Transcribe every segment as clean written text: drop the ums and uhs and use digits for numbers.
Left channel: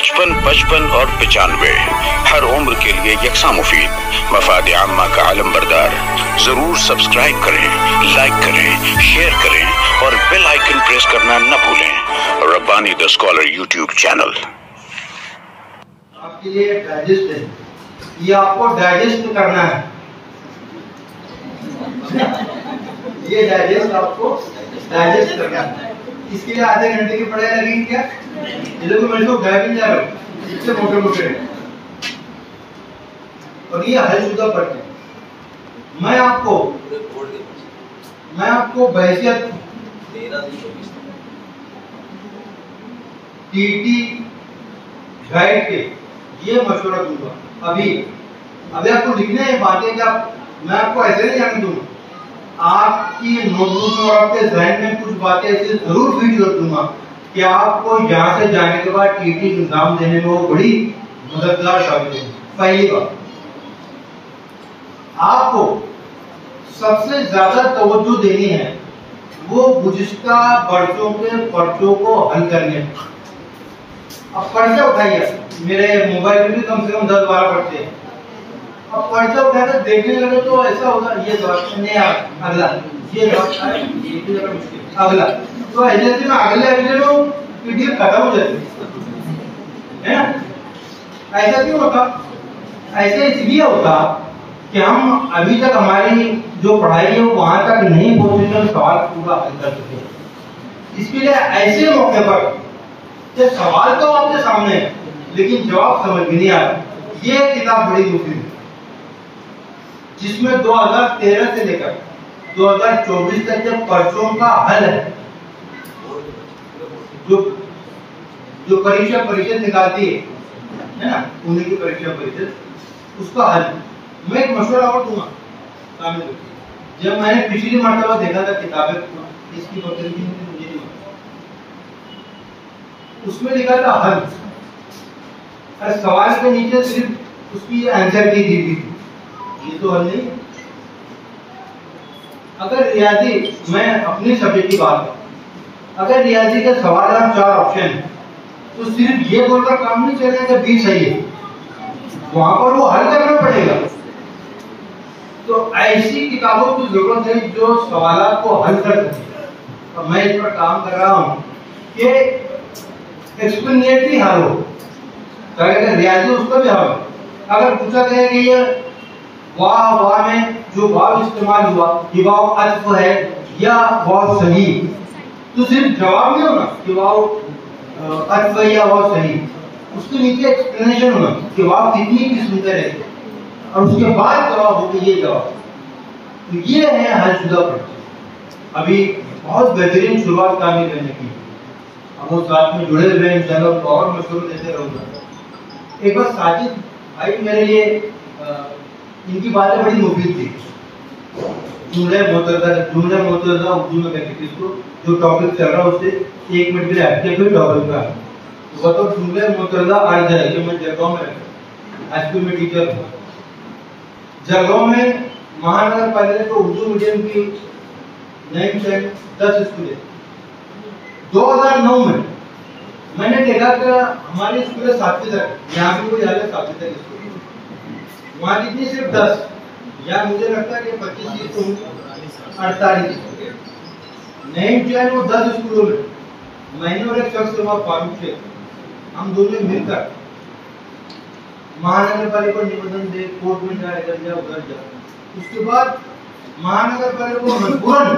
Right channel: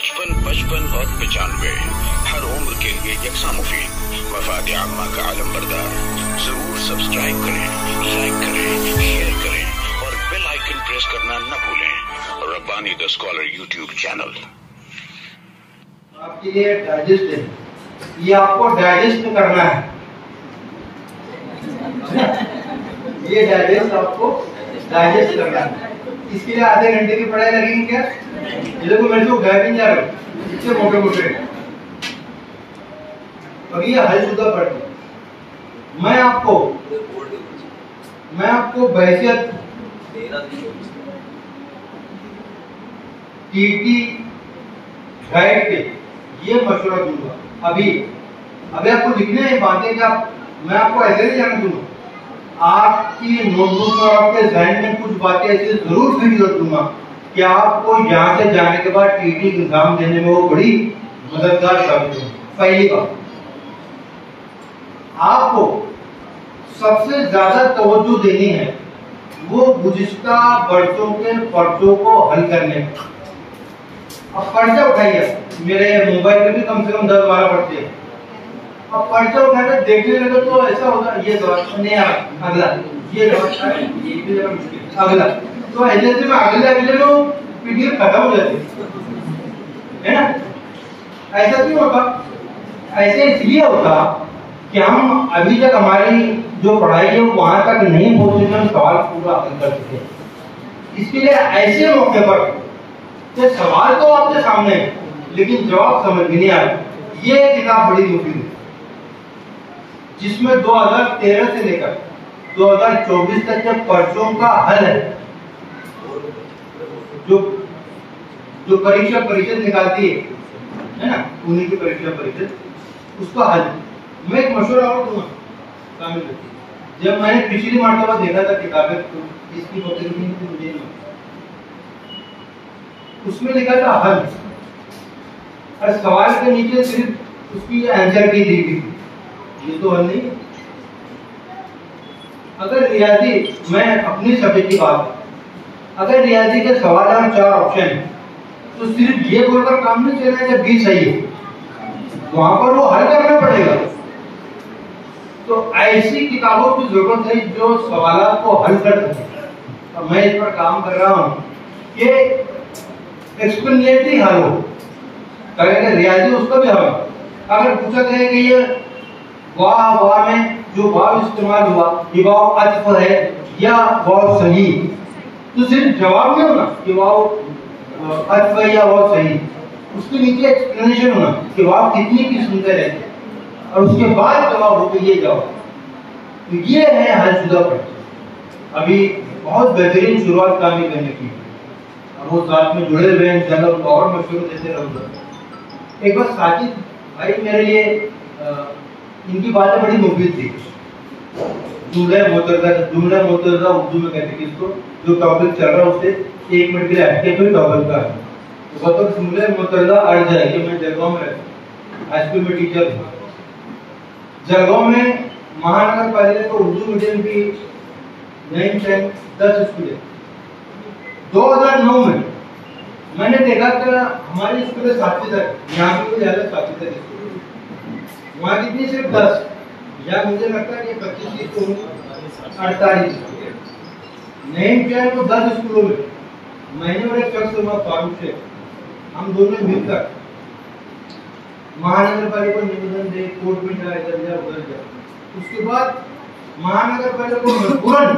55, 55 और 95 हर उम्र के लिए यकसा मुफीद, मफाद आम्मा का आलम बरदार। जरूर सब्सक्राइब करें, लाइक करें, शेयर करें और बेल आइकन प्रेस करना न भूलें। Rabbani the scholar YouTube channel आपके लिए डाइजेस्ट है, ये आपको डाइजेस्ट करना है। ये डाइजेस्ट आपको डाइजेस्ट करना है। इसके लिए आधे घंटे की पढ़ाई लगेगी क्या? ये देखो मेरे को गए भी जा रहा हूँ, इससे मोटे मोटे और ये हलशुदा पढ़ते। मैं आपको बहसियत टीटी गाइड के ये मशवरा दूंगा। अभी आपको लिखना है बातें क्या, मैं आपको ऐसे नहीं जाने दूंगा। आपकी नोटबुक में आपके जहन में कुछ बातें ऐसे जरूर फीड कर दूंगा कि आपको यहाँ से जाने के बाद टीटी एग्जाम देने में वो बड़ी मददगार साबित है। पहली बात, आपको सबसे ज्यादा तवज्जो देनी है वो गुज़िश्ता बरसों के पर्चों को हल करने में। अब पर्चा उठाइए, मेरे मोबाइल में भी कम से कम 10-12 पर्चे हैं। अब पर्चा उठाकर देखने लगे तो ऐसा होगा, ये नहीं अगला, ये अगला, तो ऐसे में अगले लोग पीडीएफ खत्म हो जाती है ना। ऐसा क्यों होता? ऐसा इसलिए होता कि हम अभी तक हमारी जो पढ़ाई है वो वहां तक नहीं पहुंचे, हम सवाल पूरा हल कर चुके। इसके लिए ऐसे मौके पर तो सवाल तो आपके सामने है लेकिन जवाब समझ में नहीं आ रहा। ये किताब बड़ी मुफीद है जिसमें 2013 से लेकर 2024 तक के पर्चों का हल है। जो परीक्षा परिषद निकालती है ना, पुणे की परीक्षा परिषद, उसका हल। मैं एक मशवरा और दूंगा शामिल रखिए। जब मैंने पिछली मरतबा देखा था किताबें, तो इसकी मुझे नहीं, उसमें लिखा था हल, और सवाल के नीचे सिर्फ उसकी आंसर की दी थी। ये तो हल नहीं है। अगर रियाजी, मैं अपनी सब्जेक्ट की बात, अगर रियाजी के सवाल और 4 ऑप्शन है तो सिर्फ ये बोलकर काम नहीं चलेगा कि बी सही है, वहां पर वो हल करना पड़ेगा। तो ऐसी किताबों की जरूरत है जो सवाल को हल कर सके, और मैं इस पर काम कर रहा हूँ कि एक्सप्लेनेटरी हल हो। रियाजी उसका भी हल, अगर पूछा गया कि ये वाह में जो वाव इस्तेमाल हुआ ये वाव अत्फ है या वाव सही, तो सिर्फ जवाब नहीं होना कि वाव अत्फ है या वाव सही, उसके नीचे एक्सप्लेनेशन होना कि वाव कितनी किस्म के रहते, और उसके बाद जवाब हो कि ये जवाब। तो ये है हलशुदा पर्चे। अभी बहुत बेहतरीन शुरुआत काम करने की, अब वो साथ में जुड़े हुए हैं, इंशाल्लाह और मशवरे देते रहूंगा। एक बार साजिद भाई मेरे लिए इनकी बातें बड़ी मुफीद थी। जुमला मोतज़ा उर्दू में कहते हैं इसको, जो टॉपिक चल रहा है उससे 1 मिनट के लिए हटके कोई टॉपिक का वो तो जुमला मोतज़ा अर्ज है कि मैं जलगांव में रहता, एसपी में टीचर हूँ। जलगांव में महानगर पालिका तो उर्दू मीडियम की 9, 10 स्कूल है। 2009 में मैंने देखा कि हमारे स्कूल 7वीं तक, यहाँ की कोई हालत 7वीं तक स्कूल, वहाँ कितनी सिर्फ 10, या मुझे लगता है कि 25 की 48 नहीं चाहे वो 10 स्कूलों में। मैंने और एक शख्स हुआ फारूक से, हम दोनों मिलकर महानगर पालिका को निवेदन दे, कोर्ट में जा, इधर जा उधर जा। उसके बाद महानगर पालिका को मजबूरन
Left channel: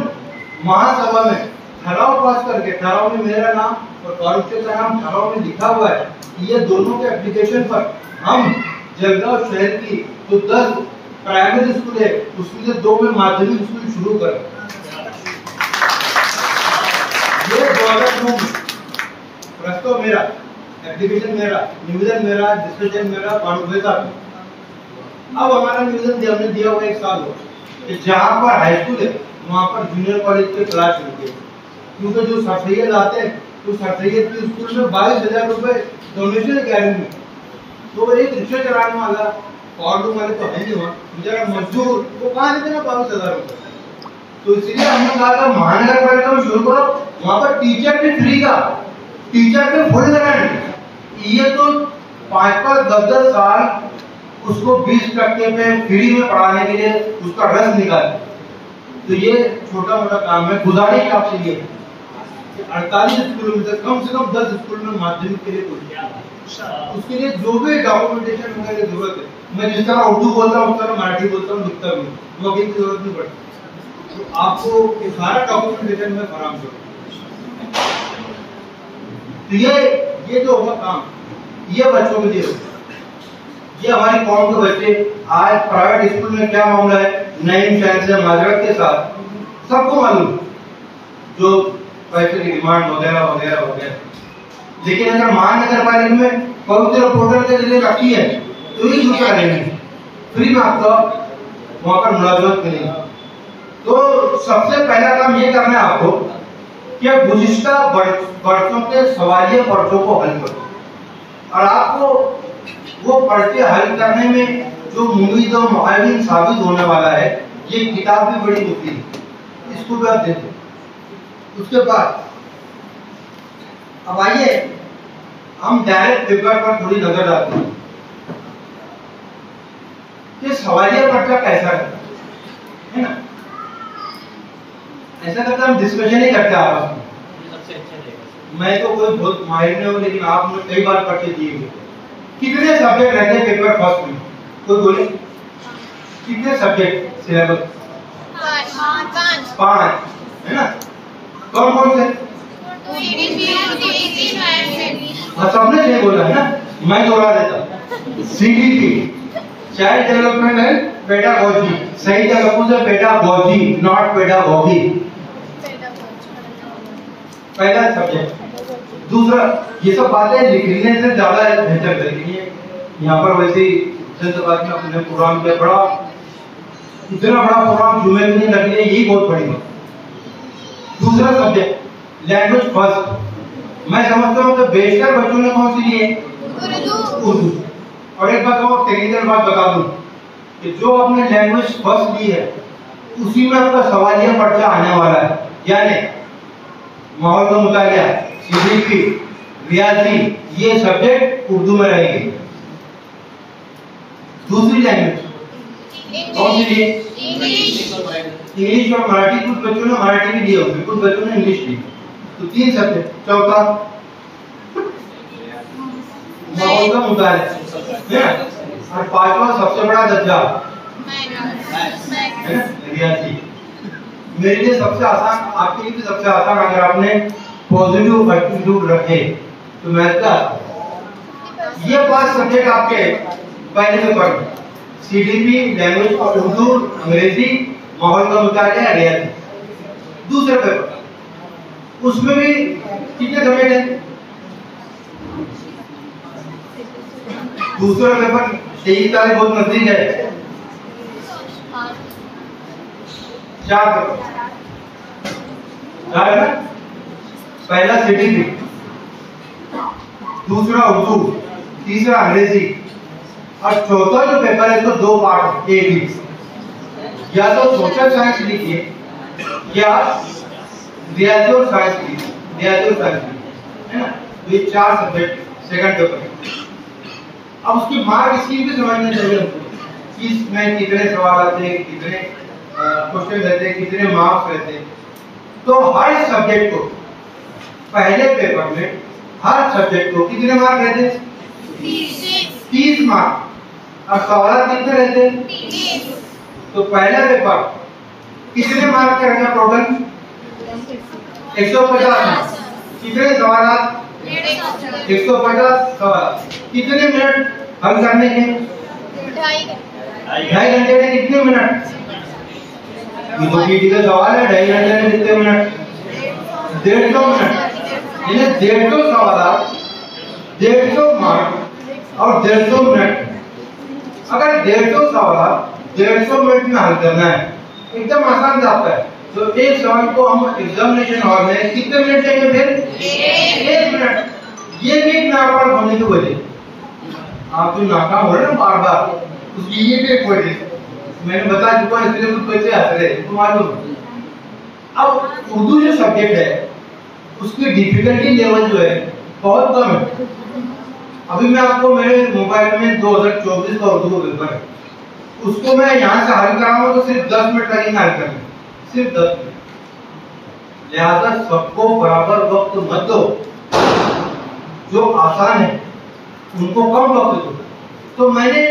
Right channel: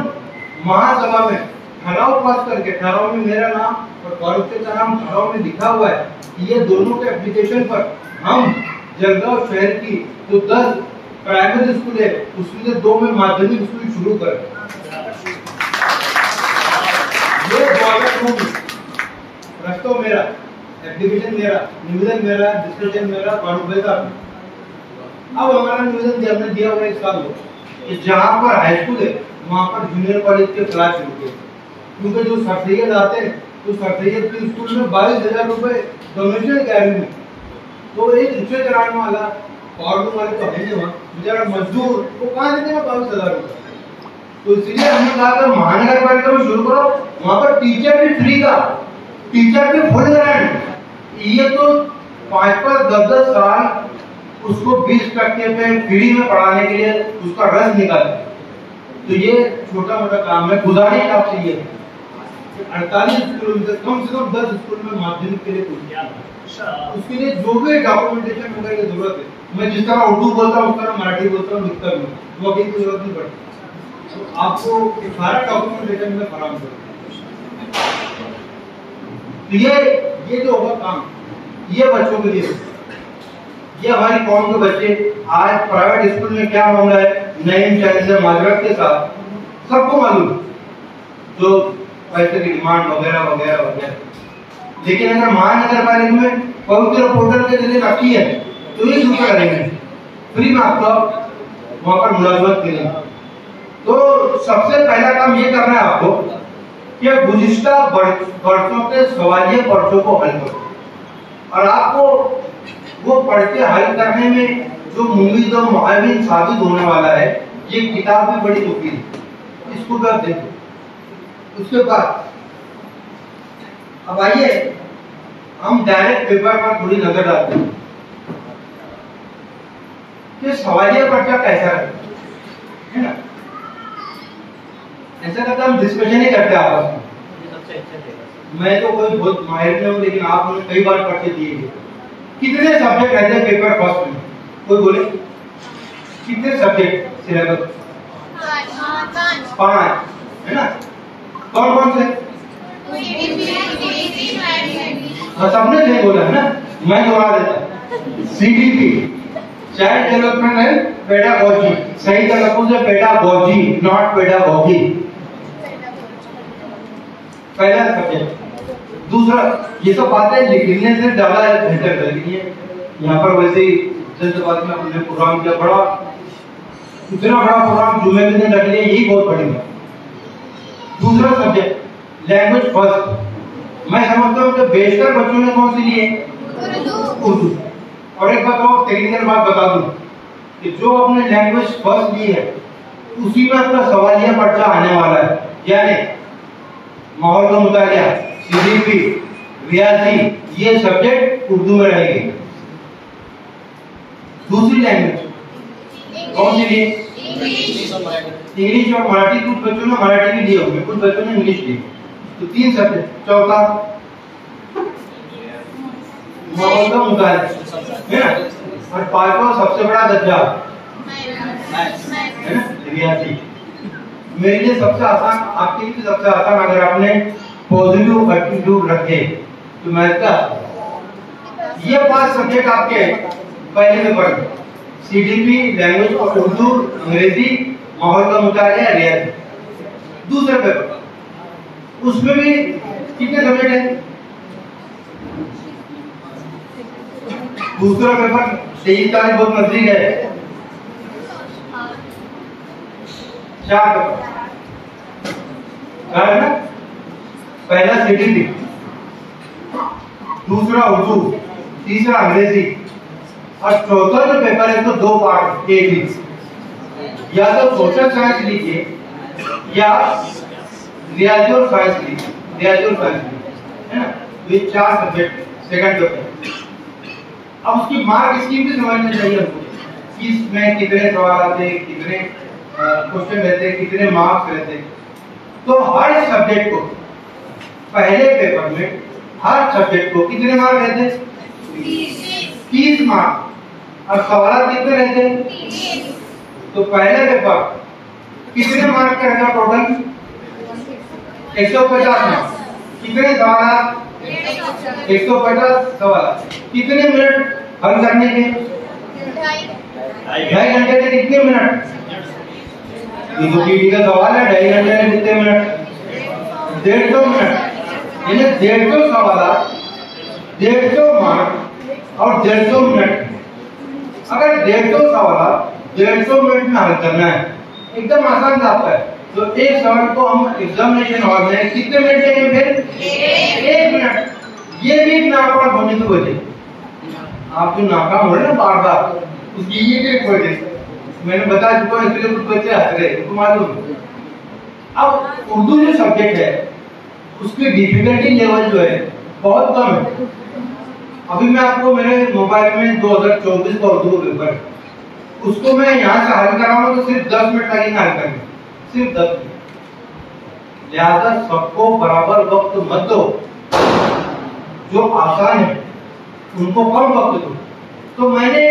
महासभा में ठहराव पास करके, ठहराव में मेरा नाम और फारूक का नाम ठहराव में लिखा हुआ है कि ये दोनों के एप्लीकेशन पर हम जलगांव शहर की जो 10 प्राइमरी स्कूल है उसमें 2 में माध्यमिक स्कूल शुरू करें। ये 2009 में प्रस्ताव मेरा, एप्लीकेशन मेरा, निवेदन मेरा, डिस्कशन मेरा, फारूक का। अब हमारा निवेदन हमने दिया हुआ 1 साल हो कि जहाँ पर हाई स्कूल है वहाँ पर जूनियर कॉलेज के क्लास शुरू किए, क्योंकि जो सरसैयद आते हैं तो सरसैयद के स्कूल में 22,000 रुपए डोनेशन 11वीं में। तो एक रिक्शा चलाने वाला और वाले तो है नहीं, वहाँ बेचारा मजदूर, वो कहाँ देते हैं 22,000 रुपए। तो इसलिए हमने कहा महानगर पालिका में शुरू करो, वहाँ पर टीचर भी फ्री का, टीचर भी फुल गारंटी। ये तो 5-5, 10-10 साल उसको 20% पे फ्री में पढ़ाने के लिए उसका रस निकाले। तो ये छोटा मोटा काम है। गुजारिश आपसे ये 48 स्कूल में कम से कम 10 स्कूल में माध्यमिक के लिए खोलिए। उसके लिए जो भी डॉक्यूमेंटेशन होने की जरूरत है, मैं जिस तरह उर्दू बोलता हूँ उस तरह मराठी बोलता हूँ, लिखता भी हूँ, वकील की जरूरत नहीं पड़ती। तो आपको ये सारा डॉक्यूमेंटेशन में फराहम करूँ। तो ये जो होगा काम, ये बच्चों के लिए, ये हमारी कौम के बच्चे आज प्राइवेट स्कूल में क्या मामला है, नईम शहर से माजरत के साथ सबको मालूम, जो पैसे की डिमांड वगैरह वगैरह वगैरह। लेकिन अगर महानगर पालिका में पवित्र पोर्टल के जरिए रखी है तो ये दूसरा करेंगे, फ्री में आपको वहां पर मुलाजमत मिलेगी। तो सबसे पहला काम ये करना है आपको कि गुज़िश्ता वर्षों के सवालिया पर्चों को हल करो, और आपको वो पर्चे हल करने में जो मुफीद और मुआविन साबित होने वाला है, ये किताब भी बड़ी मुफीद है, इसको भी आप देखो। उसके बाद अब आइए हम डायरेक्ट पेपर पर थोड़ी नजर डालते हैं कि सवालिया पर्चा कैसा है ना। ऐसा करते हम डिस्कशन ही करते हैं आपस में। मैं तो कोई बहुत माहिर नहीं हूँ, लेकिन आपने कई बार पर्चे दिए हुए। कितने सब्जेक्ट रहते हैं पेपर फर्स्ट में, कोई बोले कितने सब्जेक्ट सिलेबस? 5 है ना। कौन कौन से? सबने सही बोला है ना, मैं दोहरा देता। CDP child development and pedagogy, सही तलफ्फुज़ है पेडागोजी, नॉट पेडागोगी। पहला सब्जेक्ट। दूसरा, ये सब बातें लिखने से ज्यादा बेहतर करेंगे। यहाँ पर वैसे ही अपने प्रोग्राम किया, बड़ा इतना बड़ा प्रोग्राम जुमे में रख लिया, यही बहुत बड़ी बात। दूसरा सब्जेक्ट लैंग्वेज फर्स्ट। मैं समझता हूँ कि बेशतर बच्चों ने कौन सी ली है? उर्दू। और एक बात और टेक्निकल बात बता दूं कि जो अपने लैंग्वेज फर्स्ट ली है उसी में अपना सवालिया पर्चा आने वाला है, यानी माहौल का मुतालिया, CDP, रियाजी, ये सब्जेक्ट उर्दू में रहेंगे। दूसरी लैंग्वेज कौन सी ली? इंग्लिश और मराठी। कुछ बच्चों ने मराठी ली होगी, कुछ बच्चों ने इंग्लिश ली, तो 3 सब्जेक्ट। चौथा माहौल का मुतालिया है ना। और 5वां सबसे बड़ा दर्जा है ना, रियाजी। मेरे लिए सबसे आसान, आपके लिए भी सबसे आसान, अगर आपने पॉजिटिव एटीट्यूड रखे तो मैथ का ये 5 सब्जेक्ट आपके पहले पेपर में, CDP, लैंग्वेज और उर्दू, अंग्रेजी, माहौल का मुतालिया, रियाजी। दूसरा पेपर, उसमें भी कितने सब्जेक्ट है? दूसरा पेपर 23 तारीख बहुत नजदीक है, 4 पेपर है ना। पहला CDP, दूसरा उर्दू, तीसरा अंग्रेजी, और चौथा जो पेपर है तो 2 पार्ट, एक ही, या तो सोशल साइंस लिखिए या रियाजी और साइंस लिखिए, रियाजी और साइंस लिखिए, है ना। ये 4 सब्जेक्ट सेकंड पेपर। अब उसकी मार्क स्कीम भी समझनी चाहिए हमको, कि इसमें कितने सवाल आते हैं, कितने क्वेश्चन रहते हैं, कितने मार्क्स रहते हैं। तो हर सब्जेक्ट को पहले पेपर में हर सब्जेक्ट को कितने मार्क रहते हैं? 30 मार्क। और सवाल कितने रहते हैं? तो पहला पेपर कितने मार्क का रहता टोटल? 150 मार्क। कितने सवाल? 150 सवाल। कितने मिनट हल करने के? 2.5 घंटे में कितने मिनट? ये तो पीटी का सवाल है, 2.5 घंटे में कितने मिनट? 150 मिनट। यानी 150 सवाल, 150 मार्क और 150 मिनट। अगर 150 सवाल 150 मिनट में हल करना है, एकदम आसान जाता है। तो एक सवाल को हम एग्जामिनेशन हॉल में कितने मिनट लेंगे? फिर 1 मिनट। ये भी एक नाकाम होने की वजह, आप जो नाकाम हो रहे हैं ना बार बार, उसकी ये भी एक वजह मैंने बता चुका है, इसलिए कुछ बच्चे हंस रहे हैं, मालूम। अब उर्दू जो सब्जेक्ट है उसकी डिफिकल्टी लेवल जो है बहुत कम है। अभी मैं आपको मेरे मोबाइल में 2024 का उर्दू पेपर, उसको मैं यहाँ से हल कराऊंगा तो सिर्फ 10 मिनट लगेंगे हल करने, सिर्फ 10 मिनट। लिहाजा सबको बराबर वक्त मत दो, जो आसान है उनको कम वक्त दो। तो मैंने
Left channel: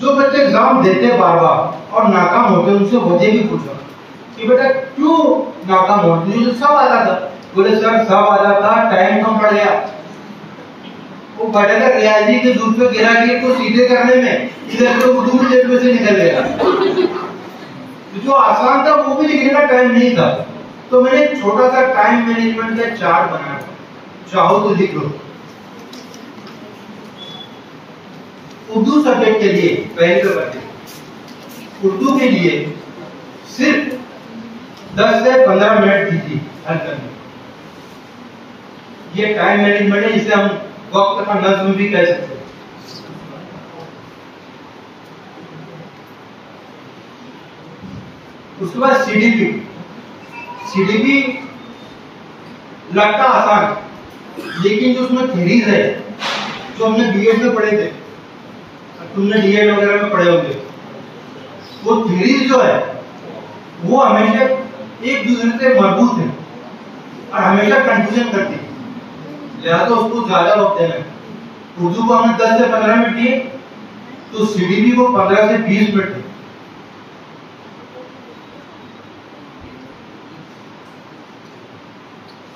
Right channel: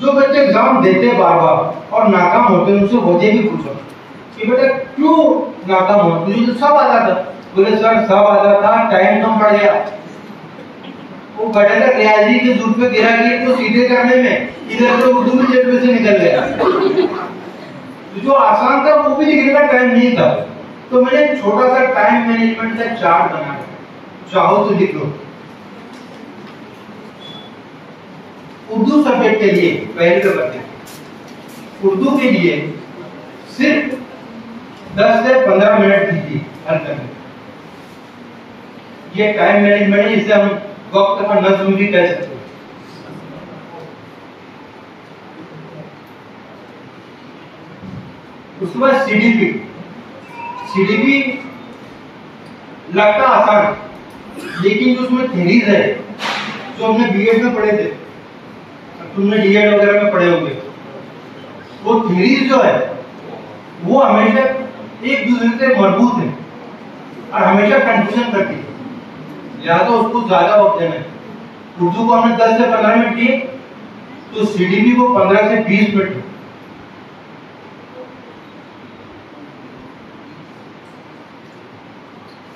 जो बच्चे एग्जाम देते बार बार और नाकाम होते उनसे वजह भी पूछा कि बेटा क्यों नाकाम होते? मुझे सब आता था। बोले सर सब आता था, टाइम कम पड़ गया। वो बड़े का रियाजी के दूध पे गिरा कि तो सीधे करने में इधर तो उर्दू भी जेब में से निकल गया। तो जो आसान था वो भी लिखने का टाइम नहीं था। तो मैंने छोटा सा टाइम मैनेजमेंट का चार्ट बनाया, चाहो तो लिख लो। उर्दू सब्जेक्ट के लिए पहले नंबर उर्दू के लिए सिर्फ 10 से 15 मिनट दीजिए हल करने। ये टाइम मैनेजमेंट है, इसे हम वक्त का नज्म भी कह सकते हैं। उसके बाद सीडीपी लगता आसान, लेकिन जो उसमें थ्योरीज है जो हमने बीएड में पढ़े थे, तुमने डीएड वगैरह में पढ़े होंगे, वो थ्योरीज जो है वो हमेशा एक दूसरे से मजबूत है और हमेशा कंफ्यूजन करती है। या तो उसको ज्यादा वक्त देना है। उर्दू को हमने 10 से 15 मिनट दिए, तो सीडीपी को 15 से 20 मिनट।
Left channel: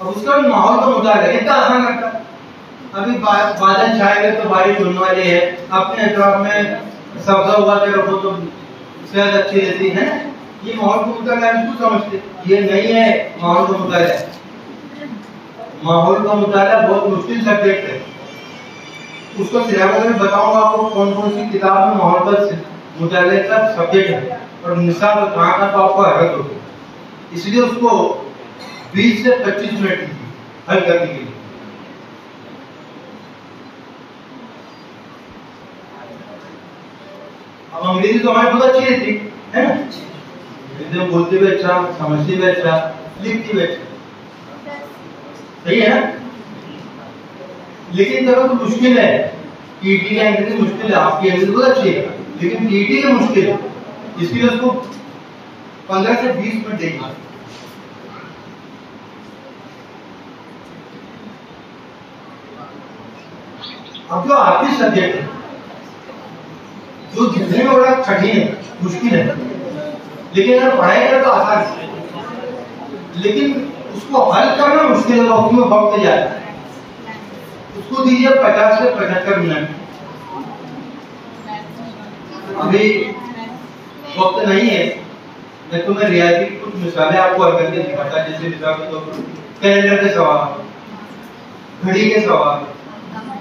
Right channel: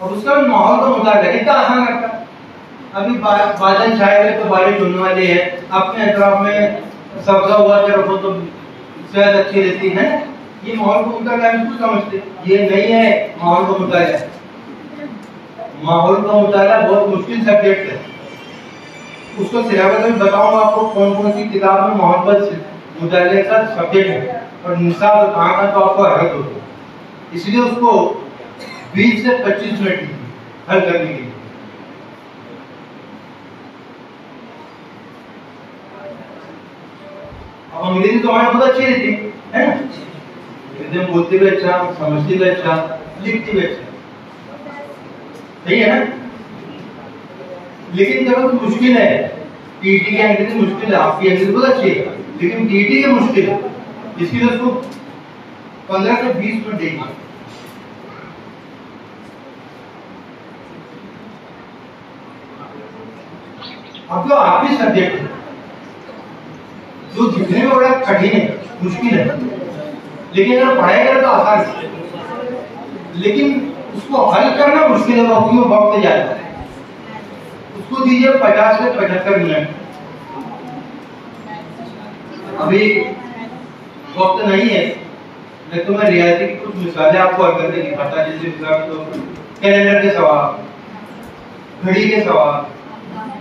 अब उसका माहौल का मुताबिक इतना आसान लगता है। अभी बादल छाए हुए तो बारिश होने वाली है, अपने अतराफ में सब्जा हुआ के रखो तो सेहत अच्छी रहती है। ये माहौल को मुताबिक हम इसको समझते, ये नहीं है माहौल का मुताबिक। माहौल का मुताबिक बहुत मुश्किल सब्जेक्ट है। उसको सिलेबस में बताऊंगा आपको कौन कौन सी किताब में माहौल का मुताबिक का सब्जेक्ट है और निशान कहाँ का, तो आपको हरकत होती है। इसलिए उसको 20 से 25 मिनट दीजिए हल करने के लिए। अब अंग्रेजी तो हमारी बहुत अच्छी रहती है ना, अंग्रेजी में बोलते भी अच्छा, समझते भी अच्छा, लिखते भी अच्छा, सही है ना। लेकिन जब तो मुश्किल है, पीटी की अंग्रेजी मुश्किल है, आपकी अंग्रेजी बहुत अच्छी है, लेकिन पीटी की मुश्किल है। इसके लिए उसको 15 से 20 मिनट देंगे। अब जो आपकी सब्जेक्ट है, जो जितने में बड़ा कठिन है, मुश्किल है, लेकिन अगर पढ़ाएगा तो आसान है, लेकिन उसको हल करना मुश्किल है, क्योंकि वो वक्त जाएगा। उसको दीजिए 50 से 75 मिनट। अभी वक्त नहीं है, मैं तुम्हें रियाजी की कुछ मिसालें आपको हल करके दिखाता, जैसे मिसाल के तौर पर कैलेंडर के सवाल, घड़ी के सवाल,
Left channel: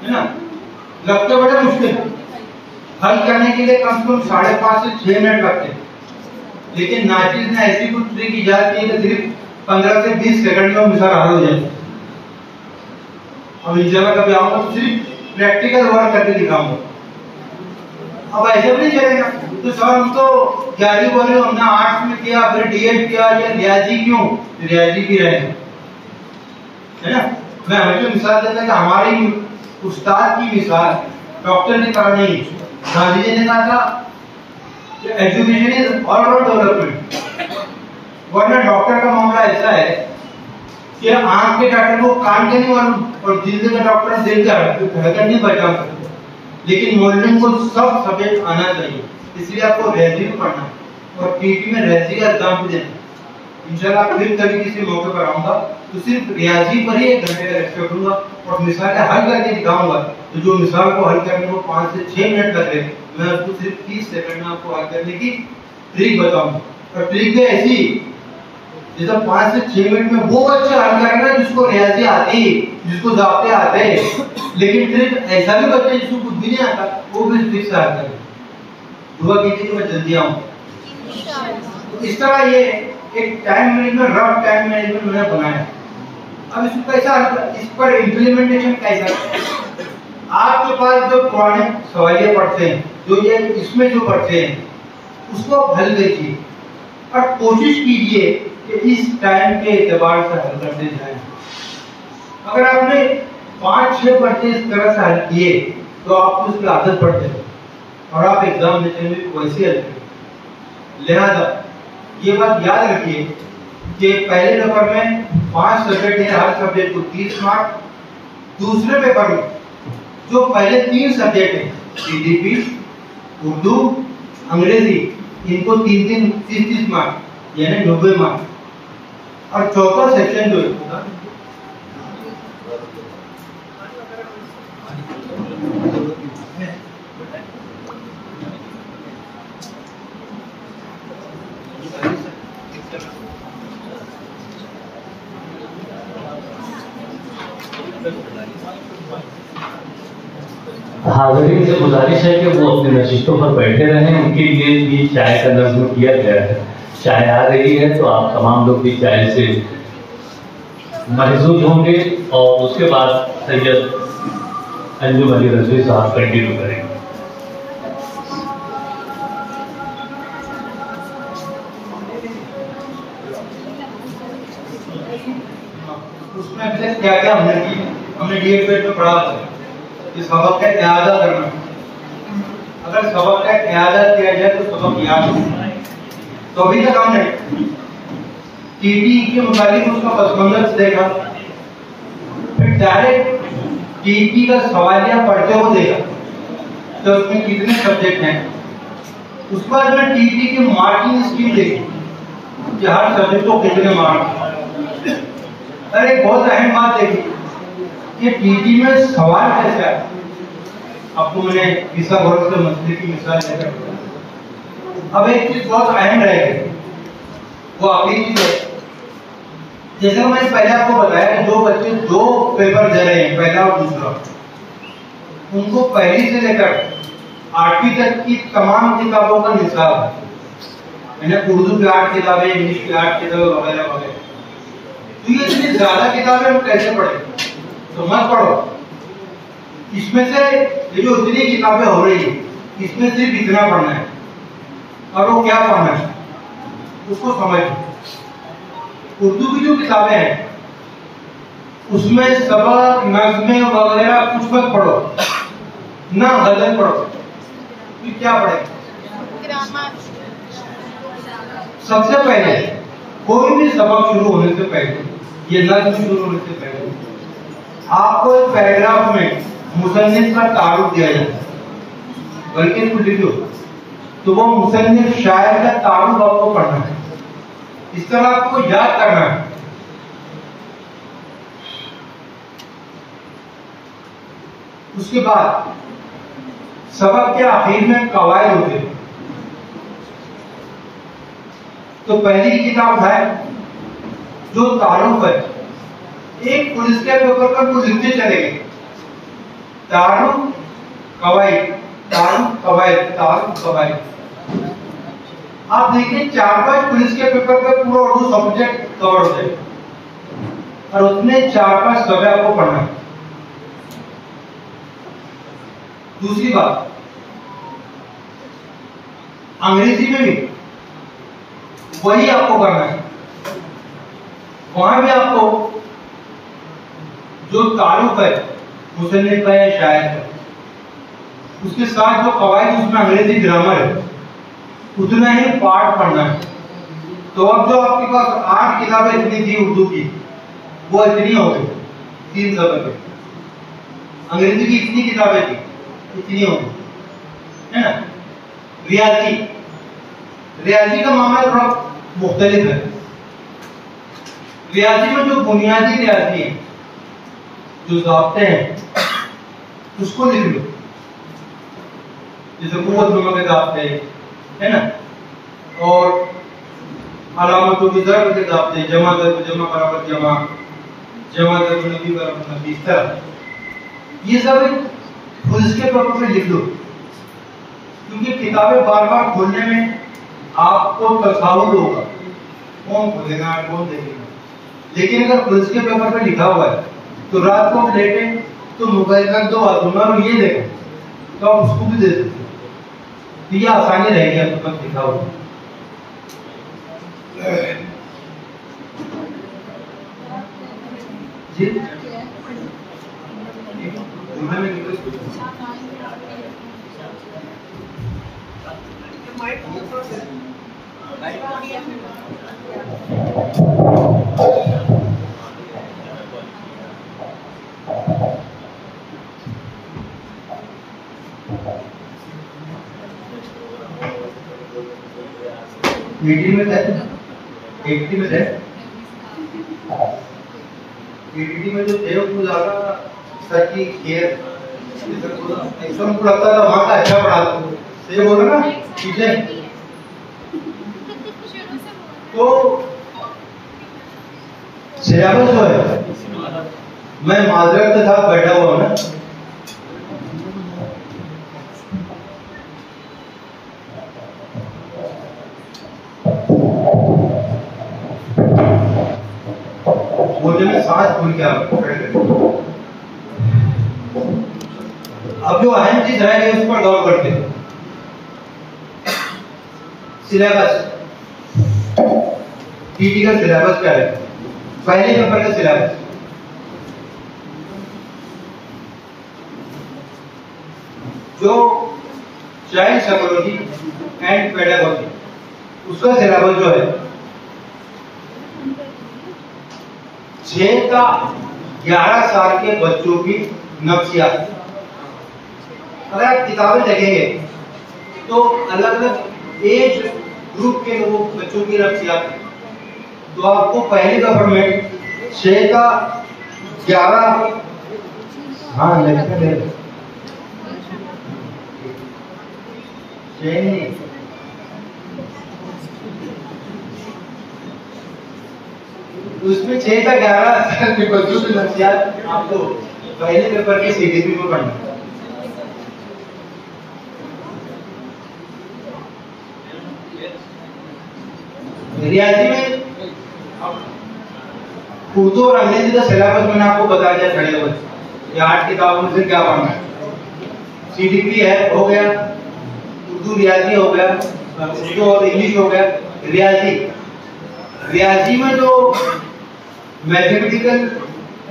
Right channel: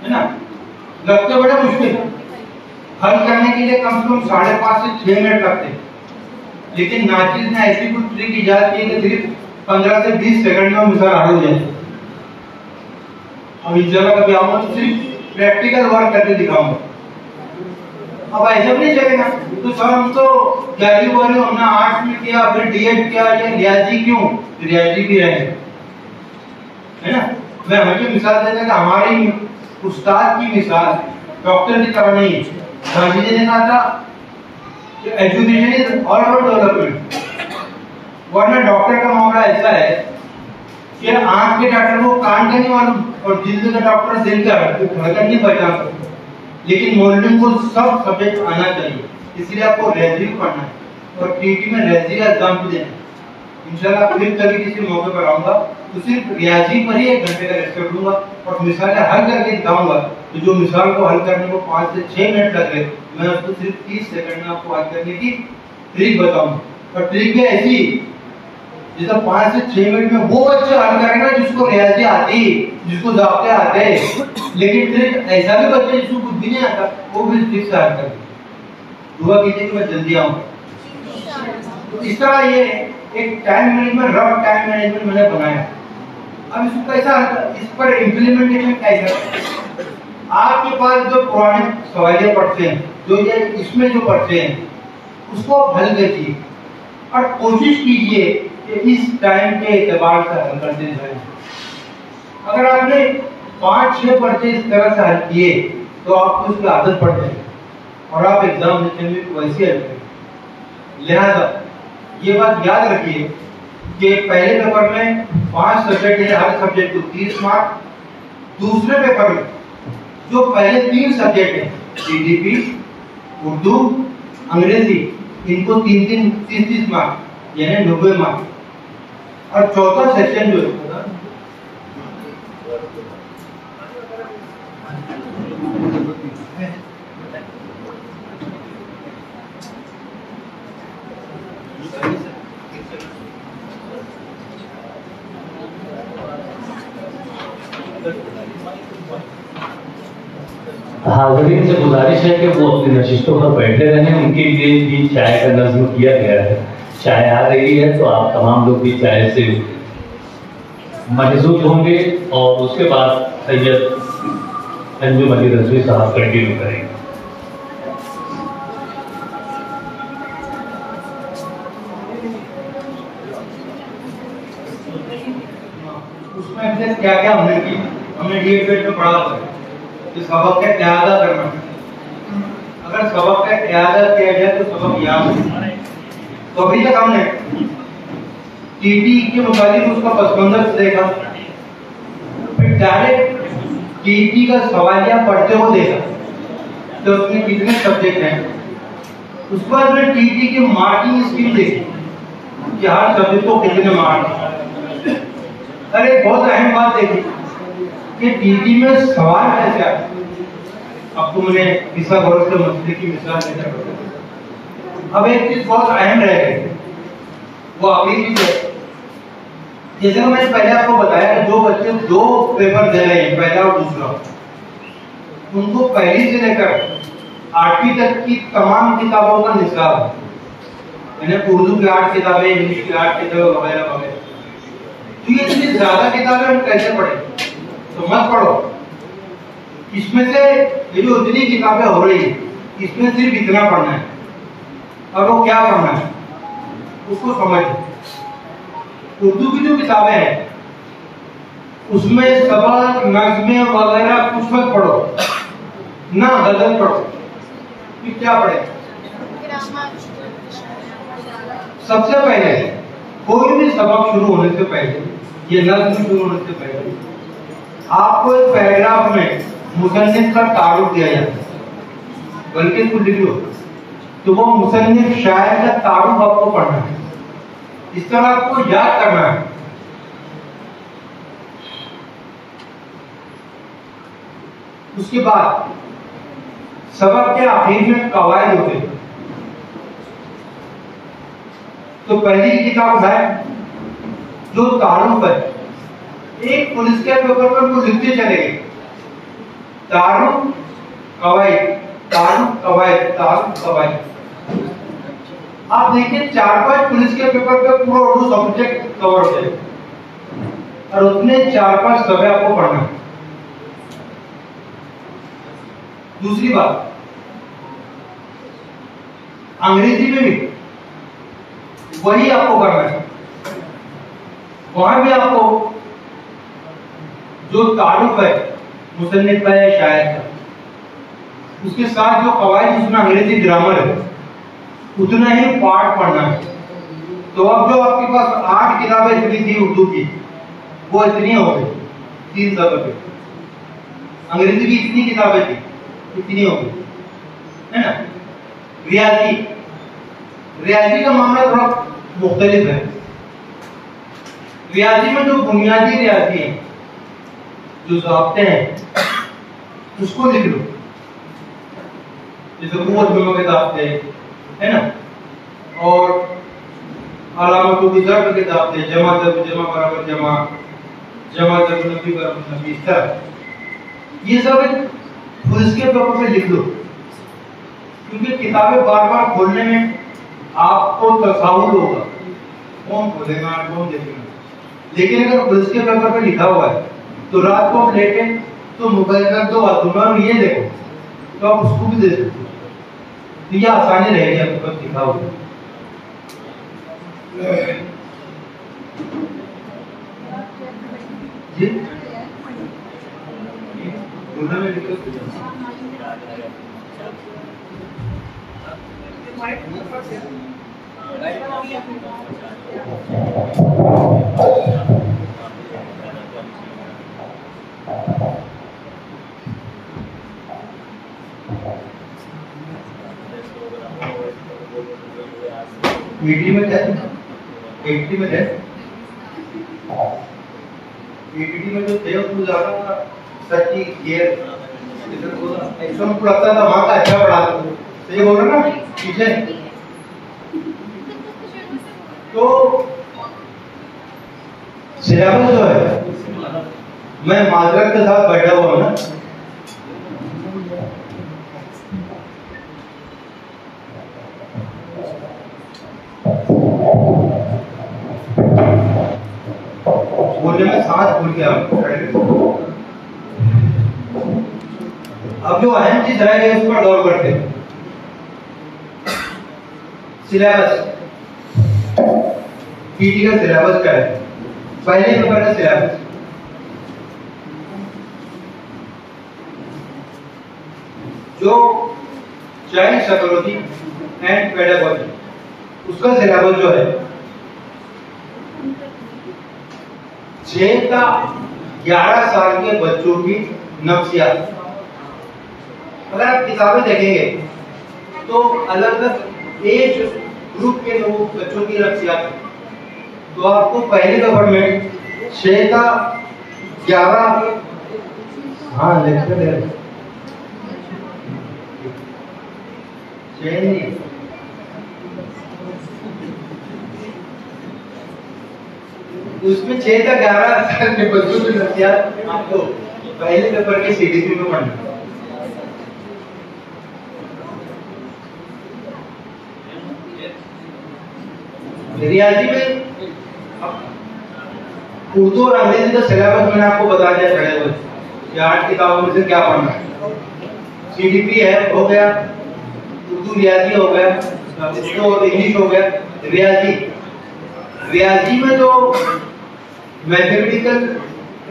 है ना, लगता बड़ा मुश्किल हल करने के लिए कम से कम 5.5 से 6 मिनट लगते हैं, लेकिन नाचिस ने ऐसी कुछ ट्रिक इजाद की कि सिर्फ 15 से 20 सेकंड में मिसाल हल हो जाए। अब इस जगह कभी आऊंगा तो सिर्फ प्रैक्टिकल वर्क करके दिखाऊंगा। अब ऐसा भी नहीं चलेगा तो सर हम तो 11वीं 12वीं हमने आर्ट्स में किया, फिर डीएड किया, ये रियाजी क्यों? रियाजी भी रहेगा, है ना। मैं हमेशा मिसाल देता कि हमारी उस्ताद की मिसाल डॉक्टर की तरह नहीं। गांधी जी ने कहा था education is all round development, वरना डॉक्टर का मामला ऐसा है कि आंख के डॉक्टर को कान का नहीं मालूम और दिल का डॉक्टर दिल का धड़कन नहीं पहचान सकता, लेकिन मॉडलिंग को सब सब्जेक्ट आना चाहिए। इसलिए आपको रेजी पढ़ना है और टीटी में रेजी का एग्जाम भी देना है। इंशाल्लाह फिर कभी किसी मौके पर आऊंगा तो सिर्फ रियाजी पर ही 1 घंटे का लेक्चर दूंगा और मिसालें हल करके दिखाऊंगा। तो जो मिसाल को हल करने को 5 से 6 मिनट लग गए, मैं उसको सिर्फ 30 सेकंड में आपको हल करने की ट्रिक बताऊंगा। और ट्रिक भी ऐसी जैसा 5 से 6 मिनट में वो बच्चा हल करेगा जिसको रियाजी आती, जिसको ज़ाब्ते आते हैं, लेकिन ट्रिक ऐसा भी बच्चा जिसको कुछ भी नहीं आता वो भी ट्रिक से हल करेगा। दुआ कीजिए कि मैं जल्दी आऊं। तो इस तरह ये एक time management, rough time management मैंने बनाया। अब इसको कैसा, इस पर इम्प्लीमेंटेशन कैसा? आपके पास जो पुराने सवालिया पढ़ते हैं, जो ये इसमें जो पढ़ते हैं, उसको आप हल कीजिए और कोशिश कीजिए कि इस टाइम के एतबार से हल करते जाएं। अगर आपने 5-6 पर्चे इस तरह से हल किए तो आपको इसकी आदत पड़ जाएगी और आप एग्जाम देते हुए वैसे हल करेंगे। लिहाजा ये बात याद रखिए कि पहले पेपर में 5 सब्जेक्ट है, हर सब्जेक्ट को 30 मार्क। दूसरे पेपर में जो पहले 3 सब्जेक्ट हैं, जीडीपी, उर्दू, अंग्रेजी, इनको 30 मार्क यानी 90 मार्क। और चौथा सेक्शन जो है हाज़रीन से गुजारिश है कि वो अपनी नशिस्तों पर बैठे रहें। उनके लिए भी चाय का नज़्म किया गया है। चाय आ रही है तो आप तमाम लोग भी चाय से महजूद होंगे और उसके बाद सैयद अंजुम अली रजवी साहब कंटिन्यू करेंगे। उसमें क्या क्या हमने किया, हमने डीएड में पढ़ा था कि सबक का इआदा करना। अगर सबक का इआदा किया जाए तो सबक याद होता है। तो अभी तक हमने टीटी के मुताबिक उसका पस मंजर देखा, फिर डायरेक्ट टीटी का सवालिया पढ़ते हुए देखा तो उसमें कितने सब्जेक्ट हैं। उसके बाद में टीटी की मार्किंग स्कीम देखी कि हर सब्जेक्ट को कितने मार्क। अरे बहुत अहम बात देखी कि टीटी में सवाल कैसे आते। आपको मैंने पिसा गौर से मसले की मिसाल देकर अब एक चीज बहुत अहम रहेगी, वो अगली चीज है। जैसे मैंने पहले आपको बताया कि 2 बच्चे 2 पेपर दे रहे हैं, पहला और दूसरा। उनको पहली से लेकर 8वीं तक की तमाम किताबों का निसाब है, मैंने उर्दू की 8 किताबें, इंग्लिश की 8 किताबें वगैरह वगैरह। तो ये इतनी ज्यादा किताबें हम कैसे पढ़े? तो मत पढ़ो। इसमें से ये जो इतनी किताबें हो रही है इसमें सिर्फ इतना पढ़ना है और वो क्या पढ़ना है उसको समझो। उर्दू की जो किताबें हैं उसमें सबक, नज़्में वगैरह कुछ मत पढ़ो, ना गजल पढ़ो। फिर क्या पढ़े? सबसे पहले कोई भी सबक शुरू होने से पहले, ये नज़्म शुरू होने से पहले आपको एक पैराग्राफ में मुसन्निफ का तारुफ दिया जाता है, बल्कि कुछ लिखो तो वो मुसन्निफ शायर का तारुफ आपको पढ़ना है। इस तरह आपको याद करना है। उसके बाद सबक के आखिर में कवायद होते हैं। तो पहली किताब है जो तारुफ है। एक पुलिस के पेपर पर कुछ लिखते चलेंगे, तारुफ कवायद, तारुफ कवायद, तारुफ कवायद। आप देखिए 4-5 पुलिस के पेपर पर पूरा उर्दू सब्जेक्ट कवर हो जाए और उसमें 4-5 सवाल आपको पढ़ना है। दूसरी बात, अंग्रेजी में भी वही आपको करना है। वहां भी आपको जो तारुफ है मुसन्निफ का या शायर का, उसके साथ जो कवायद उसमें अंग्रेजी ग्रामर है उतना ही पाठ पढ़ना है। तो अब जो आपके पास 8 किताबें इतनी थी उर्दू की, वो इतनी हो गई 3 सबक। अंग्रेजी की इतनी किताबें थी, इतनी हो गई, है ना। रियाजी, रियाजी का मामला थोड़ा मुख्तलिफ है। रियाजी में जो बुनियादी रियाजी है, जो ज़ाब्ते हैं, उसको लिख लो। जैसे कुव्वत के ज़ाब्ते है ना, और अलामतों की ज़र्ब के ज़ाब्ते, जमा ज़र्ब, जमा बराबर जमा, जमा ज़र्ब नफी बराबर नफी, इस तरह ये सब पुलिस के पेपर पे लिख लो। क्योंकि किताबें बार बार खोलने में आपको तसाहुल होगा, कौन खोलेगा कौन देखेगा। लेकिन अगर पुलिस के पेपर पे लिखा हुआ है तो रात को लेटे तो मोबाइल का 2 आदमी और ये देखो तो आप उसको भी दे सकते हो। तो ये आसानी रहेगी आपको कब लिखा होगा। जी ईटी में है, ईटी में है, ईटी में जो थे वो ज्यादा सर की केयर एकदम को लगता था वहाँ का अच्छा पढ़ा सही बोल रहे ना चीजें। तो सिलेबस जो है मैं माजरत के साथ बैठा हुआ हूँ ना, बोलने में सांस भूल गया। अब जो अहम चीज रह गई उस पर गौर करते हैं। सिलेबस, पीटी का सिलेबस क्या है? पहले पेपर का सिलेबस जो चाइल्ड साइकोलॉजी एंड पेडागोजी, उसका सिलेबस जो है 6 का 11 साल के बच्चों की नफ्सियात। अगर आप किताबें देखेंगे तो अलग अलग एज ग्रुप के लोग बच्चों की नफ्सियात, तो आपको पहले पेपर में 6 का 11 हाँ लेक्चर उसमें 6 का 11 के बच्चों की नफ्सियात आपको पहले पेपर के सीडीपी में पढ़ना। रियाजी में उर्दू और अंग्रेजी का सिलेबस मैंने आपको बता दिया खड़े हुए, ये 8 किताबों में से क्या पढ़ना है। सीडीपी है हो गया, उर्दू रियाजी हो गया, उर्दू और इंग्लिश हो गया। रियाजी में जो मैथमेटिकल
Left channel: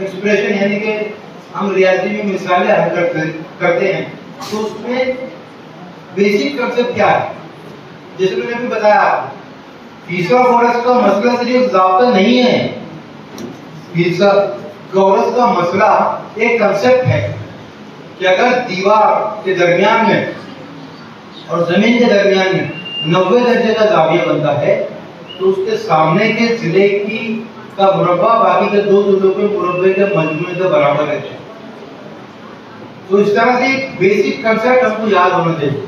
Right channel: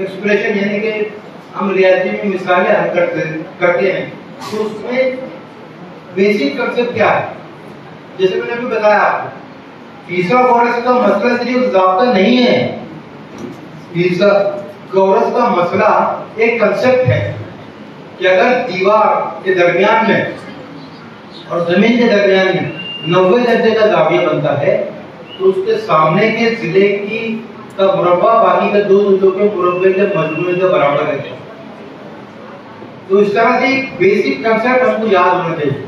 एक्सप्रेशन यानी कि हम रियाजी में मिसालें हल करते हैं, तो उसमें बेसिक कंसेप्ट क्या है? जैसे मैंने अभी बताया आपको, फिथागोरस का मसला सिर्फ ज़ाब्ता नहीं है, फिथागोरस का मसला एक कंसेप्ट है कि अगर दीवार के दरमियान में और जमीन के दरमियान में 90 दर्जे का जाविया बनता है, तो उसके सामने के जिले की का मुरब्बा बाकी के 2 जिलों के मुरब्बे के मजमूए के बराबर है। तो इस तरह से बेसिक कंसेप्ट हमको याद होना चाहिए।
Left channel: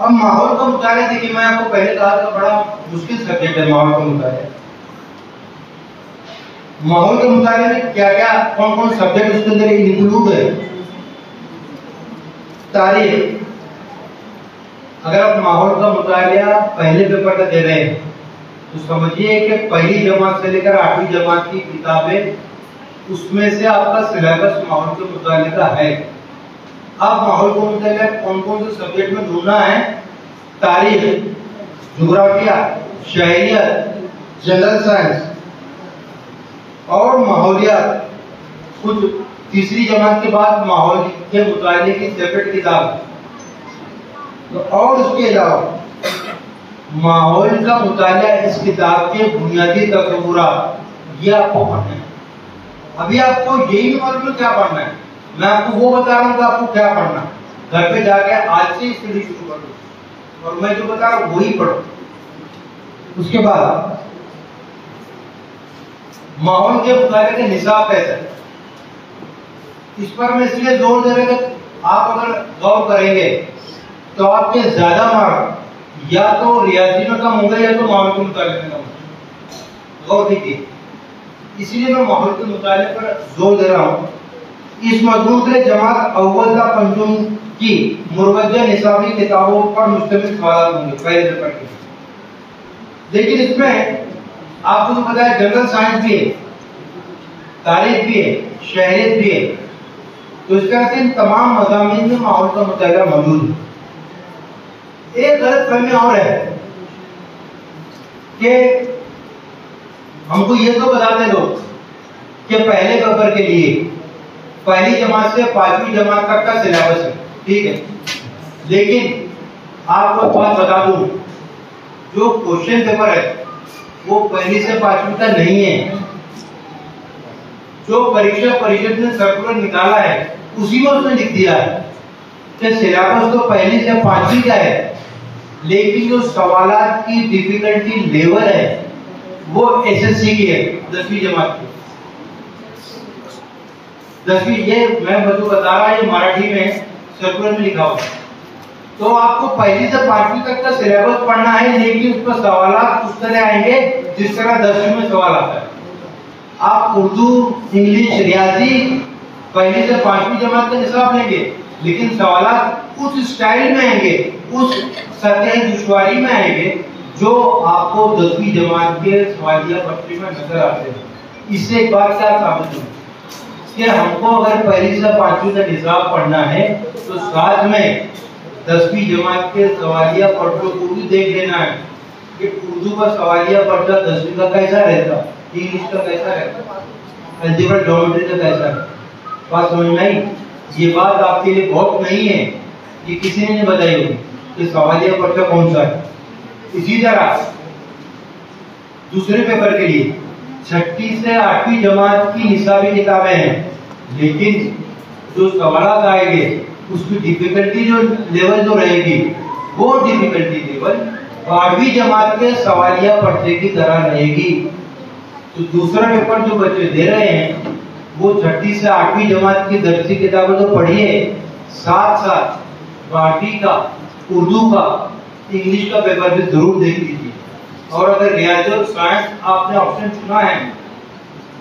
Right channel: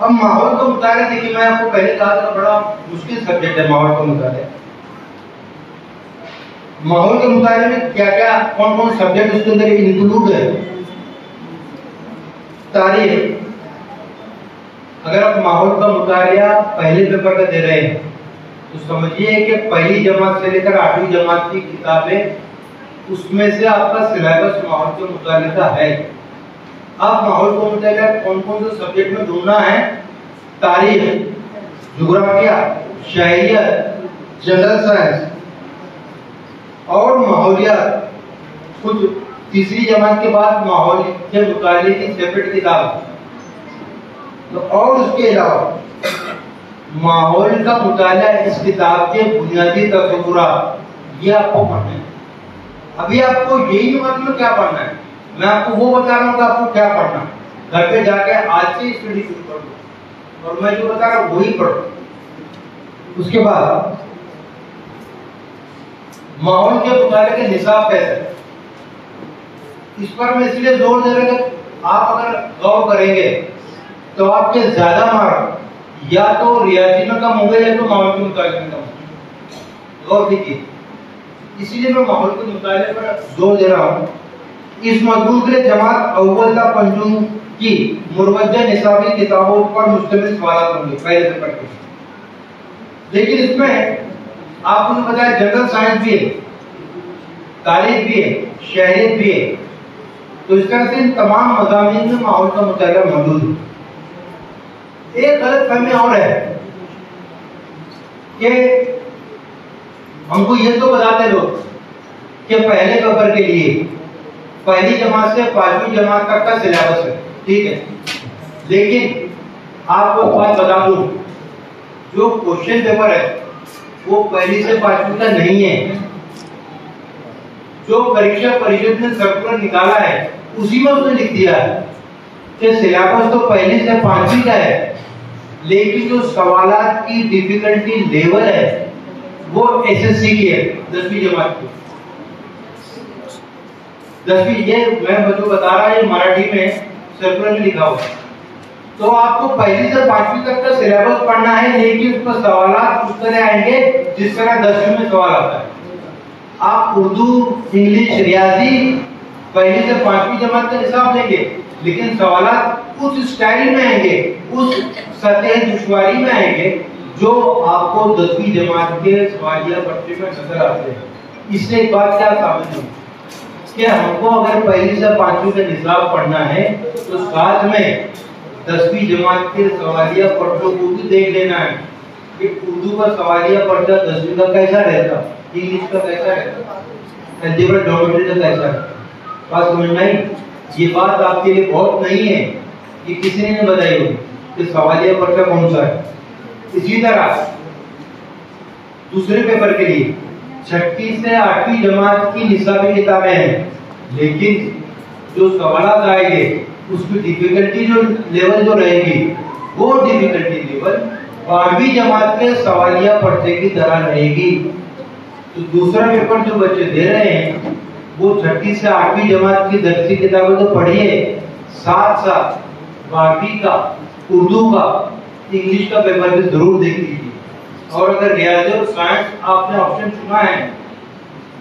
अब माहौल का मुताबिक देखिए, मैं आपको पहले कहा था बड़ा मुश्किल सब्जेक्ट है माहौल का मुताबिक। माहौल के मुताबिक क्या क्या कौन कौन सब्जेक्ट उसके अंदर इंक्लूड है। तारीख, अगर आप माहौल का मुताबिया पहले पेपर का दे रहे हैं तो समझिए कि पहली जमात से लेकर 8वीं जमात की किताबें, उसमें से आपका सिलेबस माहौल के मुताबिक है। अब माहौल को मुताबिक कौन कौन से सब्जेक्ट में ढूंढना है? तारीख, ज्योग्राफिया, शहरियत, जनरल साइंस और माहौलियात। खुद तीसरी जमात के बाद माहौल के मुताबिक की सेपरेट किताब, तो और उसके अलावा माहौल का मुताला इस किताब के बुनियादी तस्वुरात ये आपको पढ़ना है। अभी आपको यही मालूम क्या पढ़ना है, मैं आपको वो बता रहा हूँ कि आपको क्या पढ़ना है। घर पे जाके आज से स्टडी शुरू कर दो और मैं जो बता रहा हूँ वही पढ़ो। उसके बाद माहौल के मुताले के निसाब कैसे, इस पर मैं इसलिए जोर दे रहा कि आप अगर गौर करेंगे तो आपके ज्यादा मार्क या तो रियाजी में कम होंगे या तो माहौल के मुताले में कम होंगे। गौर कीजिए, इसीलिए मैं माहौल के मुताले पर जोर दे रहा हूँ। इस मजमून के लिए जमात अव्वल का पंजुम की मुरवज्जा निसाबी किताबों पर मुश्तमिल सवाल होंगे पहले पेपर के। लेकिन इसमें आपको जो बताया जनरल साइंस भी है, तारीख भी है, शहरियत भी है, तो इस तरह से इन तमाम मज़ामीन में माहौल का मुताला मौजूद है। एक गलत फहमी और है कि हमको ये तो बताते लोग कि पहले पेपर के लिए पहली जमात से 5वीं जमात तक का सिलेबस है, ठीक है। लेकिन आपको एक बात बता दूं, जो क्वेश्चन पेपर है वो पहली से 5वीं तक नहीं है। जो परीक्षा परिषद ने सर्कुलर निकाला है उसी में उसने लिख दिया है कि सिलेबस तो पहली से 5वीं का है, लेकिन जो सवालात की डिफिकल्टी लेवल है वो एसएससी की है, 10वीं जमात की। 10वीं, ये मैं बच्चों बता रहा है, ये मराठी में सर्कुलर में लिखा हुआ। तो आपको पहली से 5वीं तक का सिलेबस पढ़ना है, लेकिन उसमें सवालात उस तरह आएंगे जिस तरह 10वीं में सवाल आता है। आप उर्दू, इंग्लिश, रियाजी पहली से 5वीं जमात का निसाब लेंगे, लेकिन सवालात उस स्टाइल में आएंगे, उस सतह दुश्वारी में आएंगे जो आपको 10वीं जमात के सवालिया पट्टी में नजर आते हैं। इससे एक बात क्या साबित हुई कि हमको अगर पहली से 5वीं का निसाब पढ़ना है तो साथ में 10वीं जमात के सवालिया पट्टों को भी देख लेना है कि उर्दू का सवालिया पट्टा 10वीं का कैसा रहता, इंग्लिश का कैसा रहता, अलजेब्रा ज्योमेट्री का कैसा रहता। बात समझ में आई? ये बात आपके लिए बहुत नहीं है, ये किसी ने नहीं बताई होगी कि सवालिया पट्टा कौन सा है। इसी तरह दूसरे पेपर के लिए 6ठी से 8वीं जमात की निसाबी किताबें हैं, लेकिन जो सवालात आएंगे उसकी डिफिकल्टी जो लेवल जो रहेगी वो डिफिकल्टी लेवल 12वीं जमात के सवालिया पट्टे की तरह रहेगी। तो दूसरा पेपर जो बच्चे दे रहे हैं वो 6ठी से 8वीं जमात की दर्सी किताबें तो पढ़िए, साथ साथ 12वीं का, उर्दू का, इंग्लिश का पेपर भी जरूर देख लीजिए। और अगर रियाजी और साइंस आपने ऑप्शन चुना है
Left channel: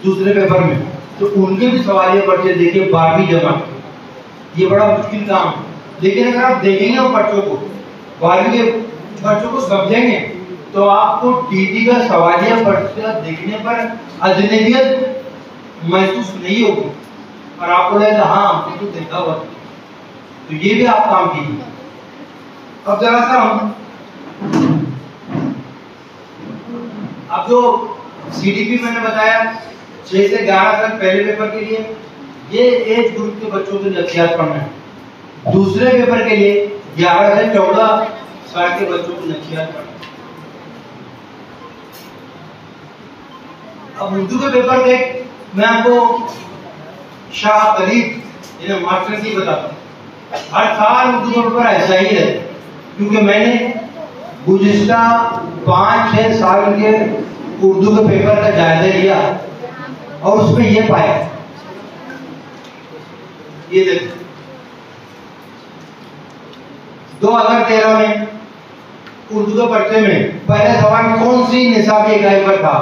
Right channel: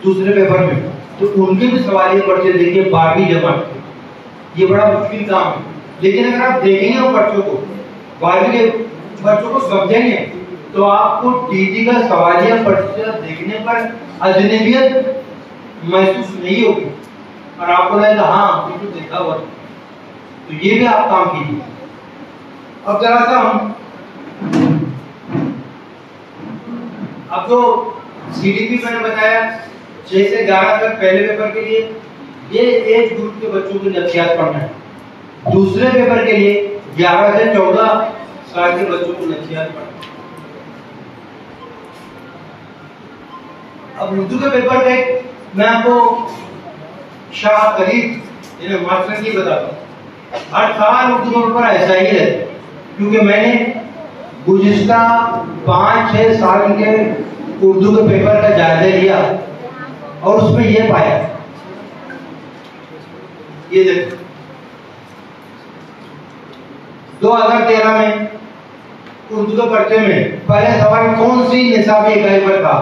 दूसरे पेपर में तो उनके भी सवालिया पट्टे देखिए 12वीं जमात के। ये बड़ा मुश्किल काम है, लेकिन अगर आप देखेंगे बच्चों को, 12वीं के बच्चों को समझेंगे तो आपको टीटी का सवालिया पट्टा देखने पर अजनबियत महसूस नहीं होगी और आपको लगेगा हाँ तो देखा हुआ। तो ये भी आप काम कीजिए। अब जरा सा हम अब जो सीडीपी मैंने बताया 6 से 11 तक पहले पेपर के लिए, ये एज ग्रुप के बच्चों के नफ्सियात पढ़ना है। दूसरे पेपर के लिए 11 से 14 साल के बच्चों को नफ्सियात पढ़ना है। अब उर्दू के पेपर देख मैं आपको शाह कलीद मास्टर की बताता हूँ। हर साल उर्दू का पेपर ऐसा ही रहता, क्योंकि मैंने गुज़िश्ता 5-6 साल के उर्दू के पेपर का जायजा लिया और उसमें ये पाया, ये देखिए 2013 में उर्दू के पर्चे में पहला सवाल कौन सी निसाबी इकाई पर था।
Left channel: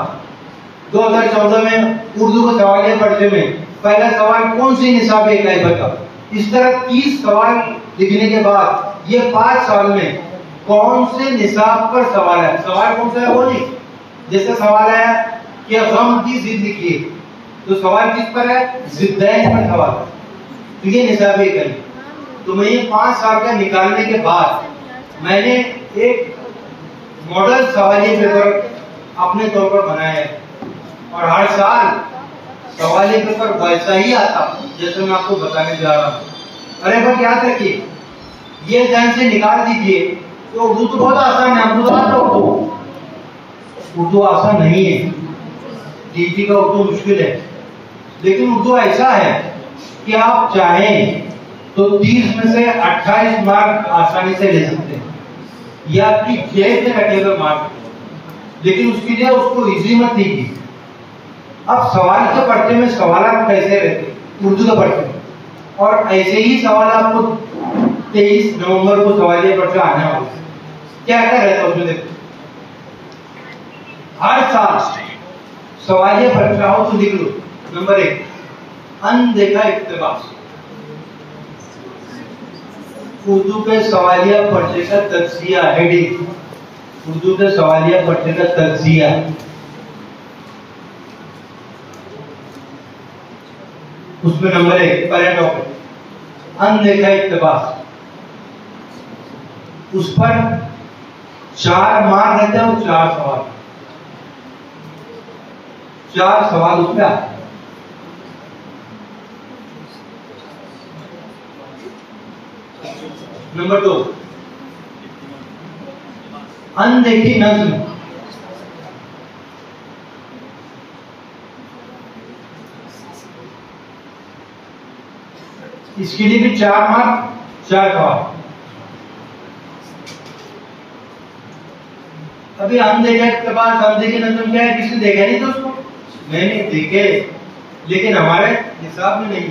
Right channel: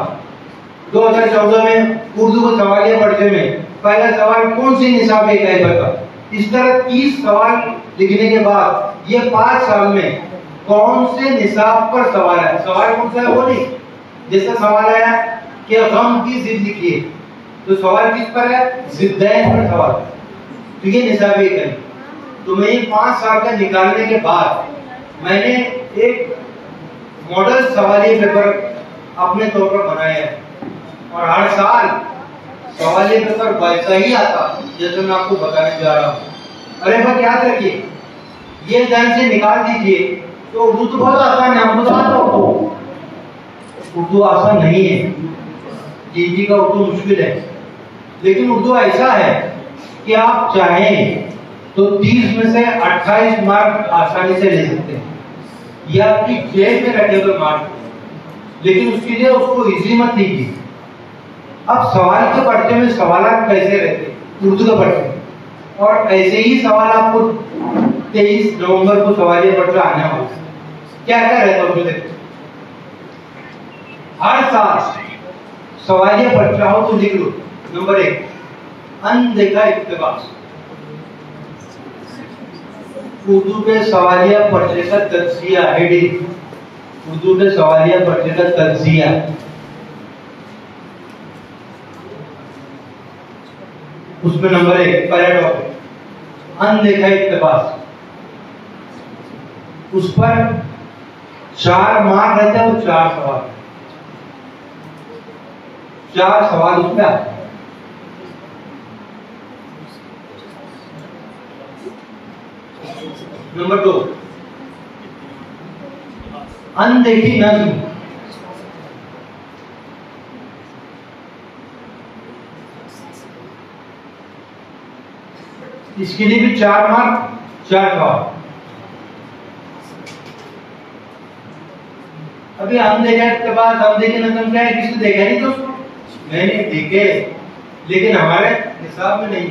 2014 में उर्दू के सवालिया पर्चे में पहला सवाल कौन सी निसाबी इकाई पर था। इस तरह 30 सवाल लिखने के बाद ये 5 साल में कौन से निसाब पर सवाल है, सवाल कौन सा है वो नहीं। जैसे सवाल आया कि गम की जिद लिखिए, तो सवाल किस पर है, जिद्दैन पर सवाल है, तो ये निसाबी इकाई। तो मैं ये 5 साल का निकालने के बाद मैंने एक मॉडल सवालिया पेपर अपने तौर पर बनाया है और हर साल सवालिया पेपर वैसा ही आता जैसे मैं आपको बताने जा रहा हूँ। अरे बस याद रखिए, ये ध्यान से निकाल दीजिए। तो उर्दू तो बहुत आसान है, आपको तो उर्दू आसान नहीं है, जीटी का उर्दू मुश्किल है, लेकिन उर्दू ऐसा है कि आप चाहें तो 30 में से 28 मार्क आसानी से ले सकते हैं, ये आपकी जेब में रखे हुए मार्क, लेकिन उसके लिए उसको इजी मत लीजिए। अब सवाल के पर्चे में सवाल कैसे रहते उर्दू के पर्चे में, और ऐसे ही सवाल आपको 23 नवंबर को सवालिया पर्चा आने वाला है। क्या क्या रहता है उसमें देखो, हर साल सवालिया पर्चा हो तो लिख लो। नंबर 1, अनदेखा इक्तिबास, उर्दू के सवालिया पर्चे का तज्जिया, हेडिंग, उर्दू के सवालिया पर्चे का तज्जिया। उसमें नंबर 1 पैराग्राफ, अनदेखा इक्तिबास, उस पर 4 मार्क रहते हैं और 4 सवाल, 4 सवाल उसमें आते हैं। नंबर 2, अनदेखी नज्म। इसके लिए भी 4 मार्क, 4 सवाल। अभी हम देखे के बाद अनदेखी नज्म क्या है, किसी ने देखा नहीं तो उसको नहीं देखे, लेकिन हमारे निसाब में नहीं।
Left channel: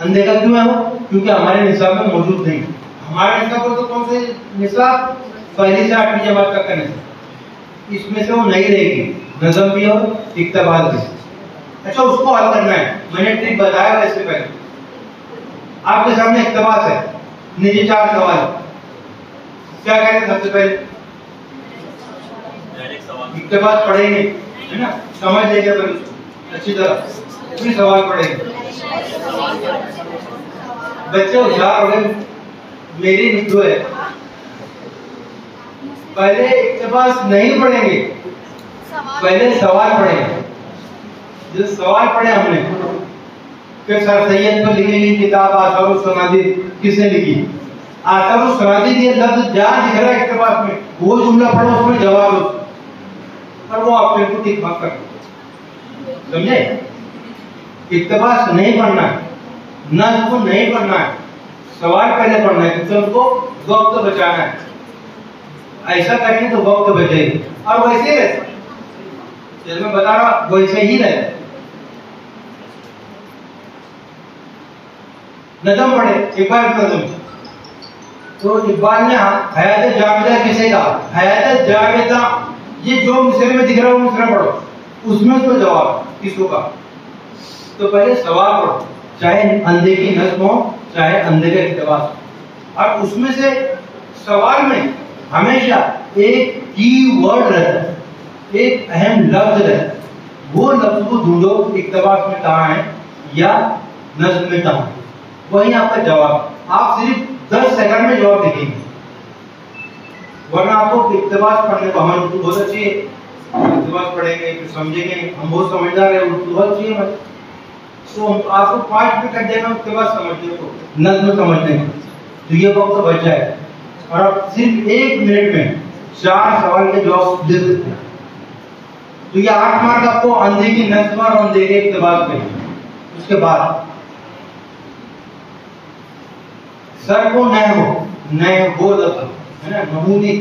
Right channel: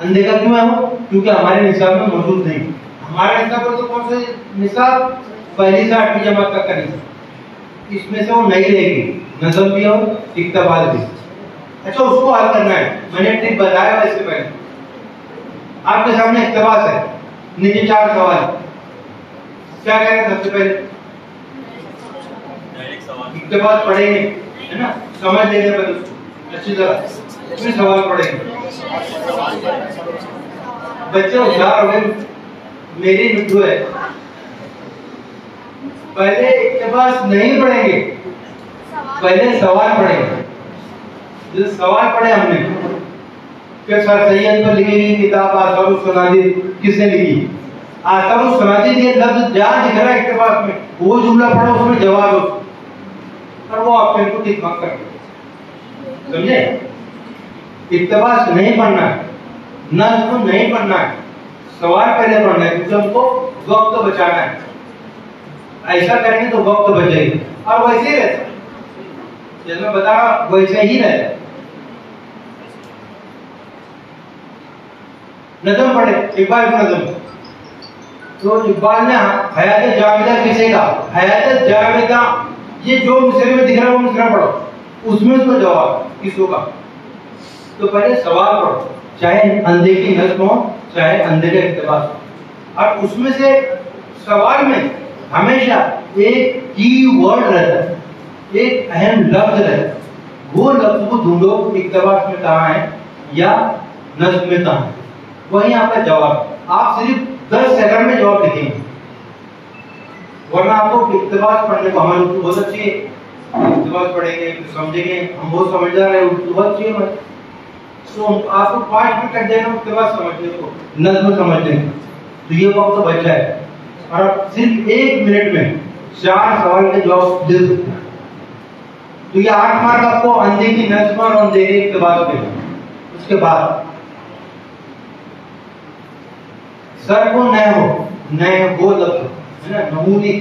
अनदेखा क्यों है वो? क्योंकि हमारे निसाब में मौजूद नहीं। हमारे निसाब पर तो कौन से निसाब? पहली से 8वीं जमात तक का निसाब। इसमें से वो नहीं रहेगी, नज़म भी और इक्तबाल भी। अच्छा, उसको हल करना है। मैंने ट्रिक बताया था इससे पहले। आपके सामने इक्तबास है, नीचे 4 सवाल। क्या करेंगे सबसे पहले? इक्तबास पढ़ेंगे, है ना, समझ लेंगे पर अच्छी तरह, फिर सवाल पढ़ेंगे। बच्चे होशियार हो गए, मेरी विद्यु है। पहले इक्तबास नहीं पढ़ेंगे, पहले सवाल पढ़ेंगे। जो सवाल पढ़े हमने, फिर सर सैयद पर लिखी गई किताब आसारुस सनादिर किसने लिखी? आसारुस सनादिर ये लफ्ज जहां दिख रहा है इक्तबास में, वो जुमला पढ़ो, उसमें जवाब दो, और वो ऑप्शन को टिक मार्क कर दो। समझे? इक्तबास नहीं पढ़ना है, नज़्म तो नहीं पढ़ना है, सवाल पहले पढ़ना है, क्योंकि हमको वक्त बचाना है। ऐसा करेंगे तो वक्त बचेगा। और वैसे ही रहता, जैसे मैं बता रहा वैसे ही रहता। नज़म पढ़े, इकबाल की नज़म। तो इकबाल ने हयात जावेदा किसे कहा? हयात जावेदा, ये जो मिसरे में दिख रहा है वो मिसरा पढ़ो, उसमें उसको जवाब किसको कहा? तो पहले सवाल पढ़ो, चाहे अनदेखी नज़्म हो, चाहे अनदेखा इक्तबास, और उसमें से सवाल में हमेशा एक की वर्ड रहता है, एक अहम लफ्ज रहता है। वो लफ्ज को ढूंढो, इक्तबास में कहाँ है या नज़्म में कहाँ है, वही आपका जवाब। आप सिर्फ 10 सेकंड में जवाब लिखेंगे, वरना आपको इक्तबास पढ़ने को, हमें उर्दू बहुत अच्छी है, इक्तबास पढ़ेंगे फिर समझेंगे, हम बहुत समझदार है, उर्दू बहुत अच्छी है, तो आपको 5 मिनट कर देना इक्तबास समझने को, नज़्म समझने को, तो ये वक्त बचा है। और आप सिर्फ 1 मिनट में 4 सवाल के जवाब दे सकते हैं। तो ये 8 मार्क आपको अनदेखी नज़्म और अनदेखी इक्तबास में। उसके बाद सर को न हो, न हो लफ्ज है ना, नहूनी,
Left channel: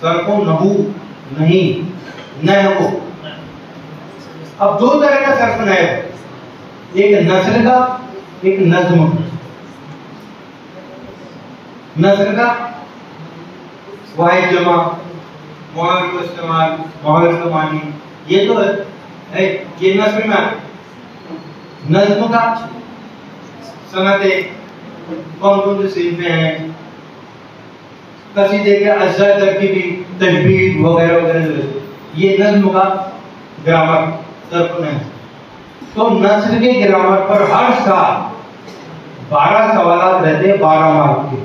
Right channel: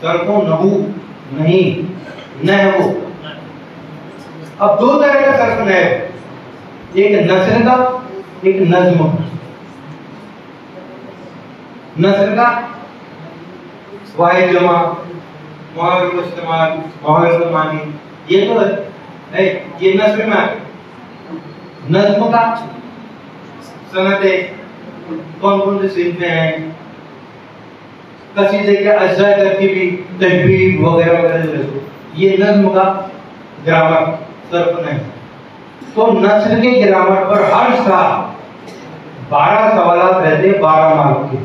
सर को नहू नहीं, न हो। अब 2 तरह का सर्फ न है, एक नस्र का, एक नज़्म। नस्र का वाहिद जमा, मुहावरे को इस्तेमाल, मुहावरे को मानी, ये तो है, ये नस्र में आते। नज़्म का सनते, कौन कौन से सिलसिले हैं, कसीदे के अज्जा तरकीबी, तजवीद वगैरह वगैरह, ये नज़्म का ग्रामर सर्फ नहीं। तो नस्र के ग्रामर पर हर साल 12 सवाल रहते हैं, 12 मार्क के।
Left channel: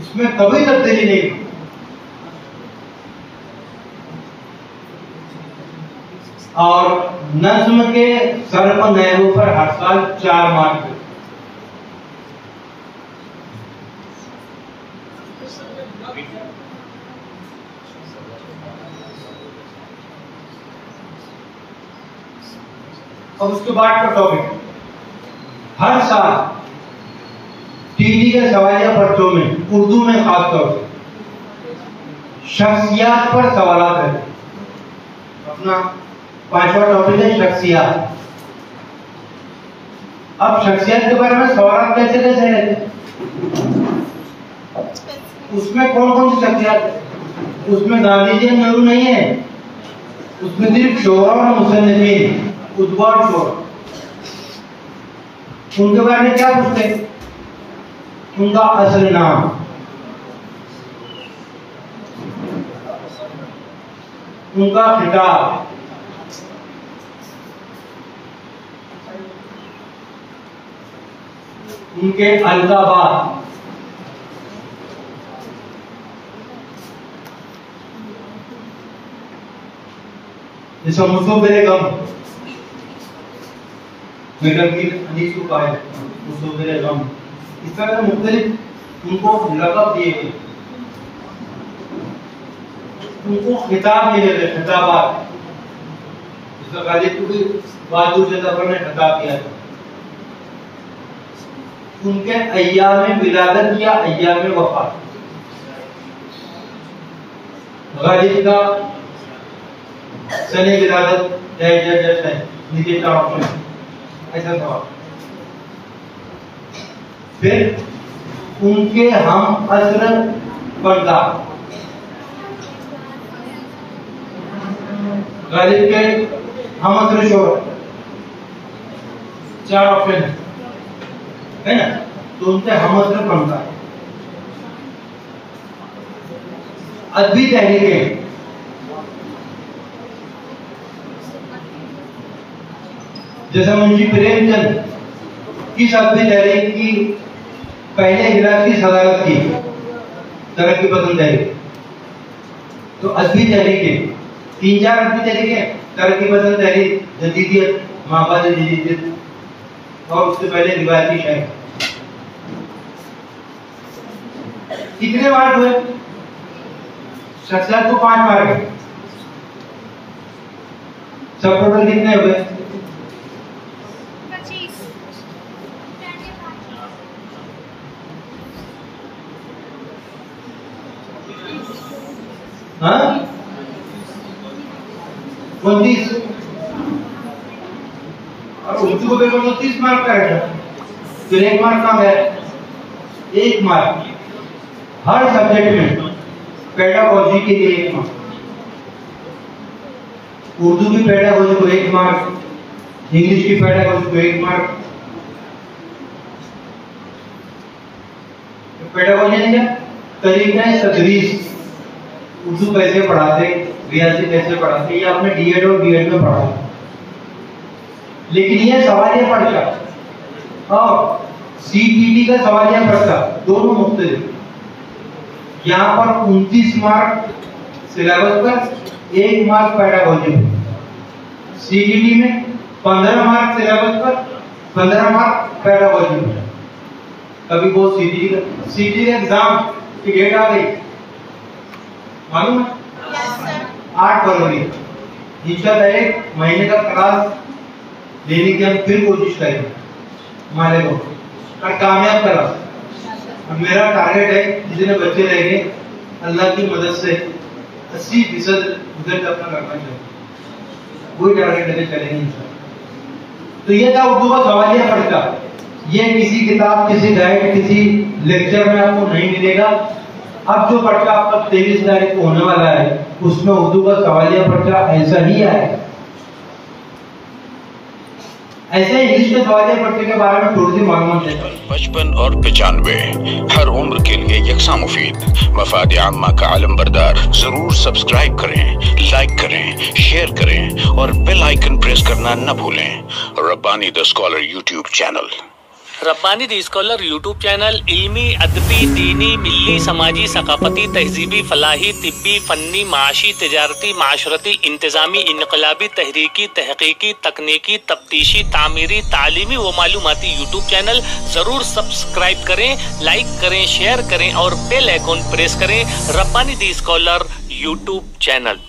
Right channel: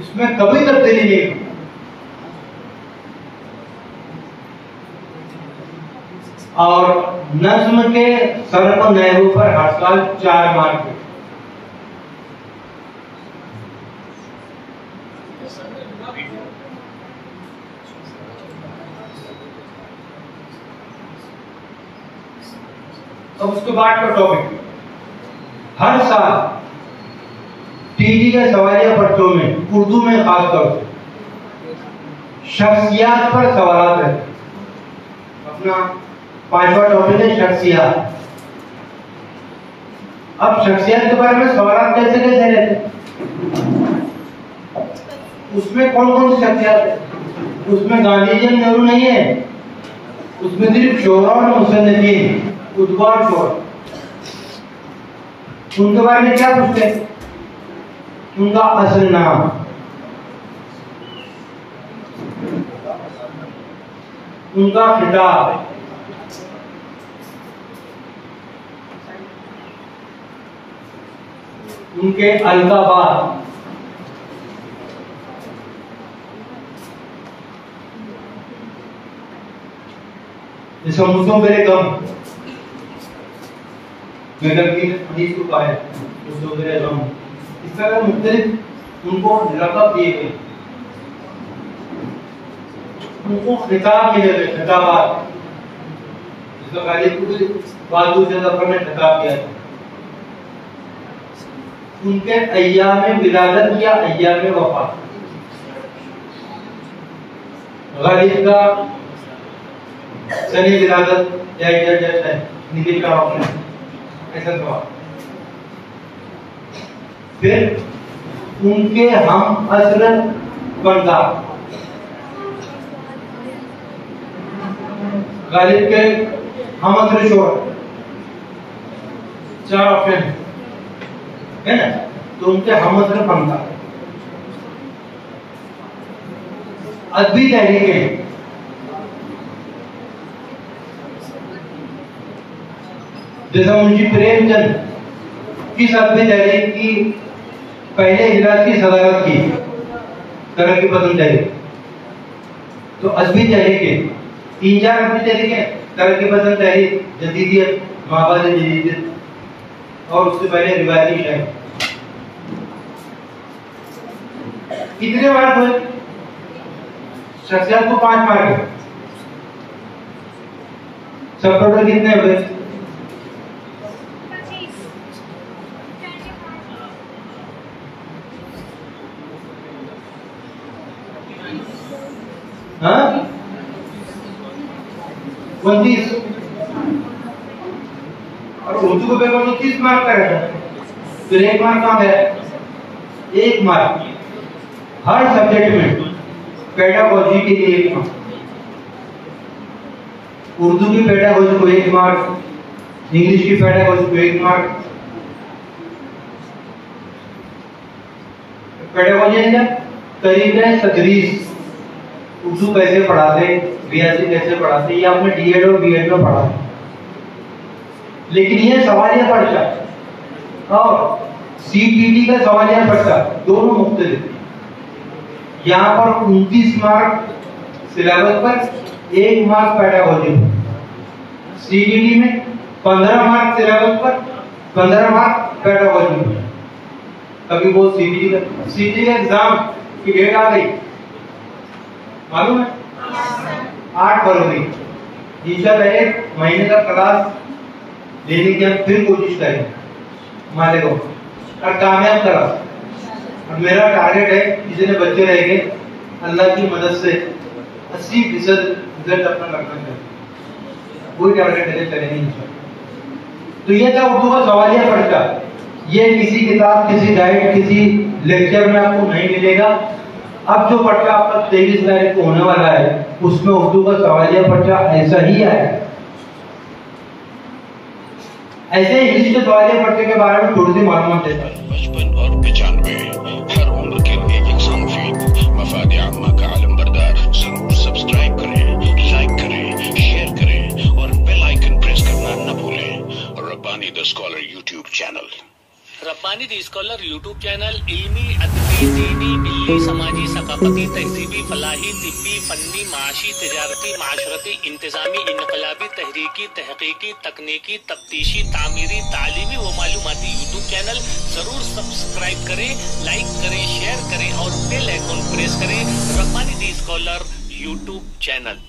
इसमें कभी तब्दीली नहीं। और नज्म के सर्फ नहव पर हर साल 4 मार्क के। अब उसके बाद का टॉपिक, हर साल टीवी के सवालिया पर्चों में उर्दू में खासतौर से शख्सियात पर सवालात रहते। अपना 5वां टॉपिक है शख्सियात। अब शख्सियत के बारे में सवाल कैसे कैसे रहते, उसमें कौन कौन सी शख्सियत है? उसमें गांधी जी नेहरू नहीं है, उसमें सिर्फ शोरा और मुसन्निफीन, उद्वा और शोरा। उनके बारे में क्या पूछते हैं? उनका असल नाम, उनका खिताब, उनके अलकाबात, जैसे मुसो बेगम, बेगम की हदीस को पाया, मुस्तफिर गम, इस तरह मुख्तलिफ उनको लक़ब दिए गए, उनको खिताब मिले गए, खिताबात। जिसका गालिब को भी बहादुर जफर ने खिताब किया था। उनके अय्याम विलादत या अय्याम वफात, गालिब का सने विलादत या इजाजत है, नीचे का ऑप्शन ऐसा सवाल। फिर उनके हम असर पर्दा, गालिब के हम असर शोर, 4 ऑप्शन है ना। तो उनके हम असर पर्दा, अदबी तहरीकें, जैसा मुंशी प्रेमचंद किस अदबी तहरीक की पहले इजलास की सदारत की, तरक्की पसंद तहरीक। तो अदबी तहरीकें 3-4 अदबी तहरीकें, तरक्की पसंद तहरीक, जदीदियत, माबाद जदीदियत, और उससे पहले रिवायती शायरी। कितने मार्क हुए? शख्सियत को 5 मार्क, सब टोटल कितने हुए? हाँ 29, और उर्दू को पेपर तो 30 मार्क का है, फिर 1 मार्क कम है। 1 मार्क हर सब्जेक्ट में, पेडागोजी के लिए 1 मार्क, उर्दू की पेडागोजी को 1 मार्क, इंग्लिश की पेडागोजी को 1 मार्क। पेडागोजी क्या? तरीका तदरीस, उर्दू कैसे पढ़ाते, रियाजी कैसे पढ़ाते, ये आपने डीएड और बीएड में पढ़ा। लेकिन ये सवालिया पर्चा और सीपीटी का सवालिया पर्चा दोनों मुख्तलिफ। यहाँ पर 29 मार्क सिलेबस पर, 1 मार्क पेडागोजी पर। सीपीटी में 15 मार्क सिलेबस पर, 15 मार्क पेडागोजी पर। कभी वो सीपीटी का एग्जाम की डेट आ गई, मालूम है? 8 फरवरी। इंशाल्लाह 1 महीने का क्लास लेने की हम फिर कोशिश करेंगे माले को, और कामयाब करा। और मेरा टारगेट है जितने बच्चे रहेंगे अल्लाह की मदद से 80% रिजल्ट अपना रखना चाहिए, वही टारगेट लेके चलेंगे इंशाल्लाह। तो ये था उर्दू का सवालिया पर्चा। ये किसी किताब, किसी गाइड, किसी लेक्चर में आपको नहीं मिलेगा। अब जो पर्चा आपका 23 तारीख को होने वाला है, उसमें उर्दू का सवालिया पर्चा ऐसा ही है। ऐसे इंग्लिश के सवालिया पर्चे के बारे में थोड़ी सी मालूमात देता हूं। 55 और 95 हर उम्र के लिए यकसा मुफीद, मफाद आम्मा का आलम बरदार। जरूर सब्सक्राइब करें, लाइक करें, शेयर करें और बेल आइकन प्रेस करना न भूलें। Rabbani the scholar YouTube channel. Rabbani the scholar YouTube channel इल्मी, अदबी, दीनी, मिल्ली, समाजी, सकाफती, तहजीबी, फलाही, तिब्बी, फन्नी, माशी, तिजारती, माशरती, इंतजामी, इनकलाबी, तहरीकी, तहकीकी, तकनीकी, तफ्तीशी, तामीरी, तालीमी व मालूमाती यूट्यूब चैनल जरूर सब्सक्राइब करें, लाइक करें, शेयर करें और बेल आइकन प्रेस करें। Rabbani the scholar YouTube channel.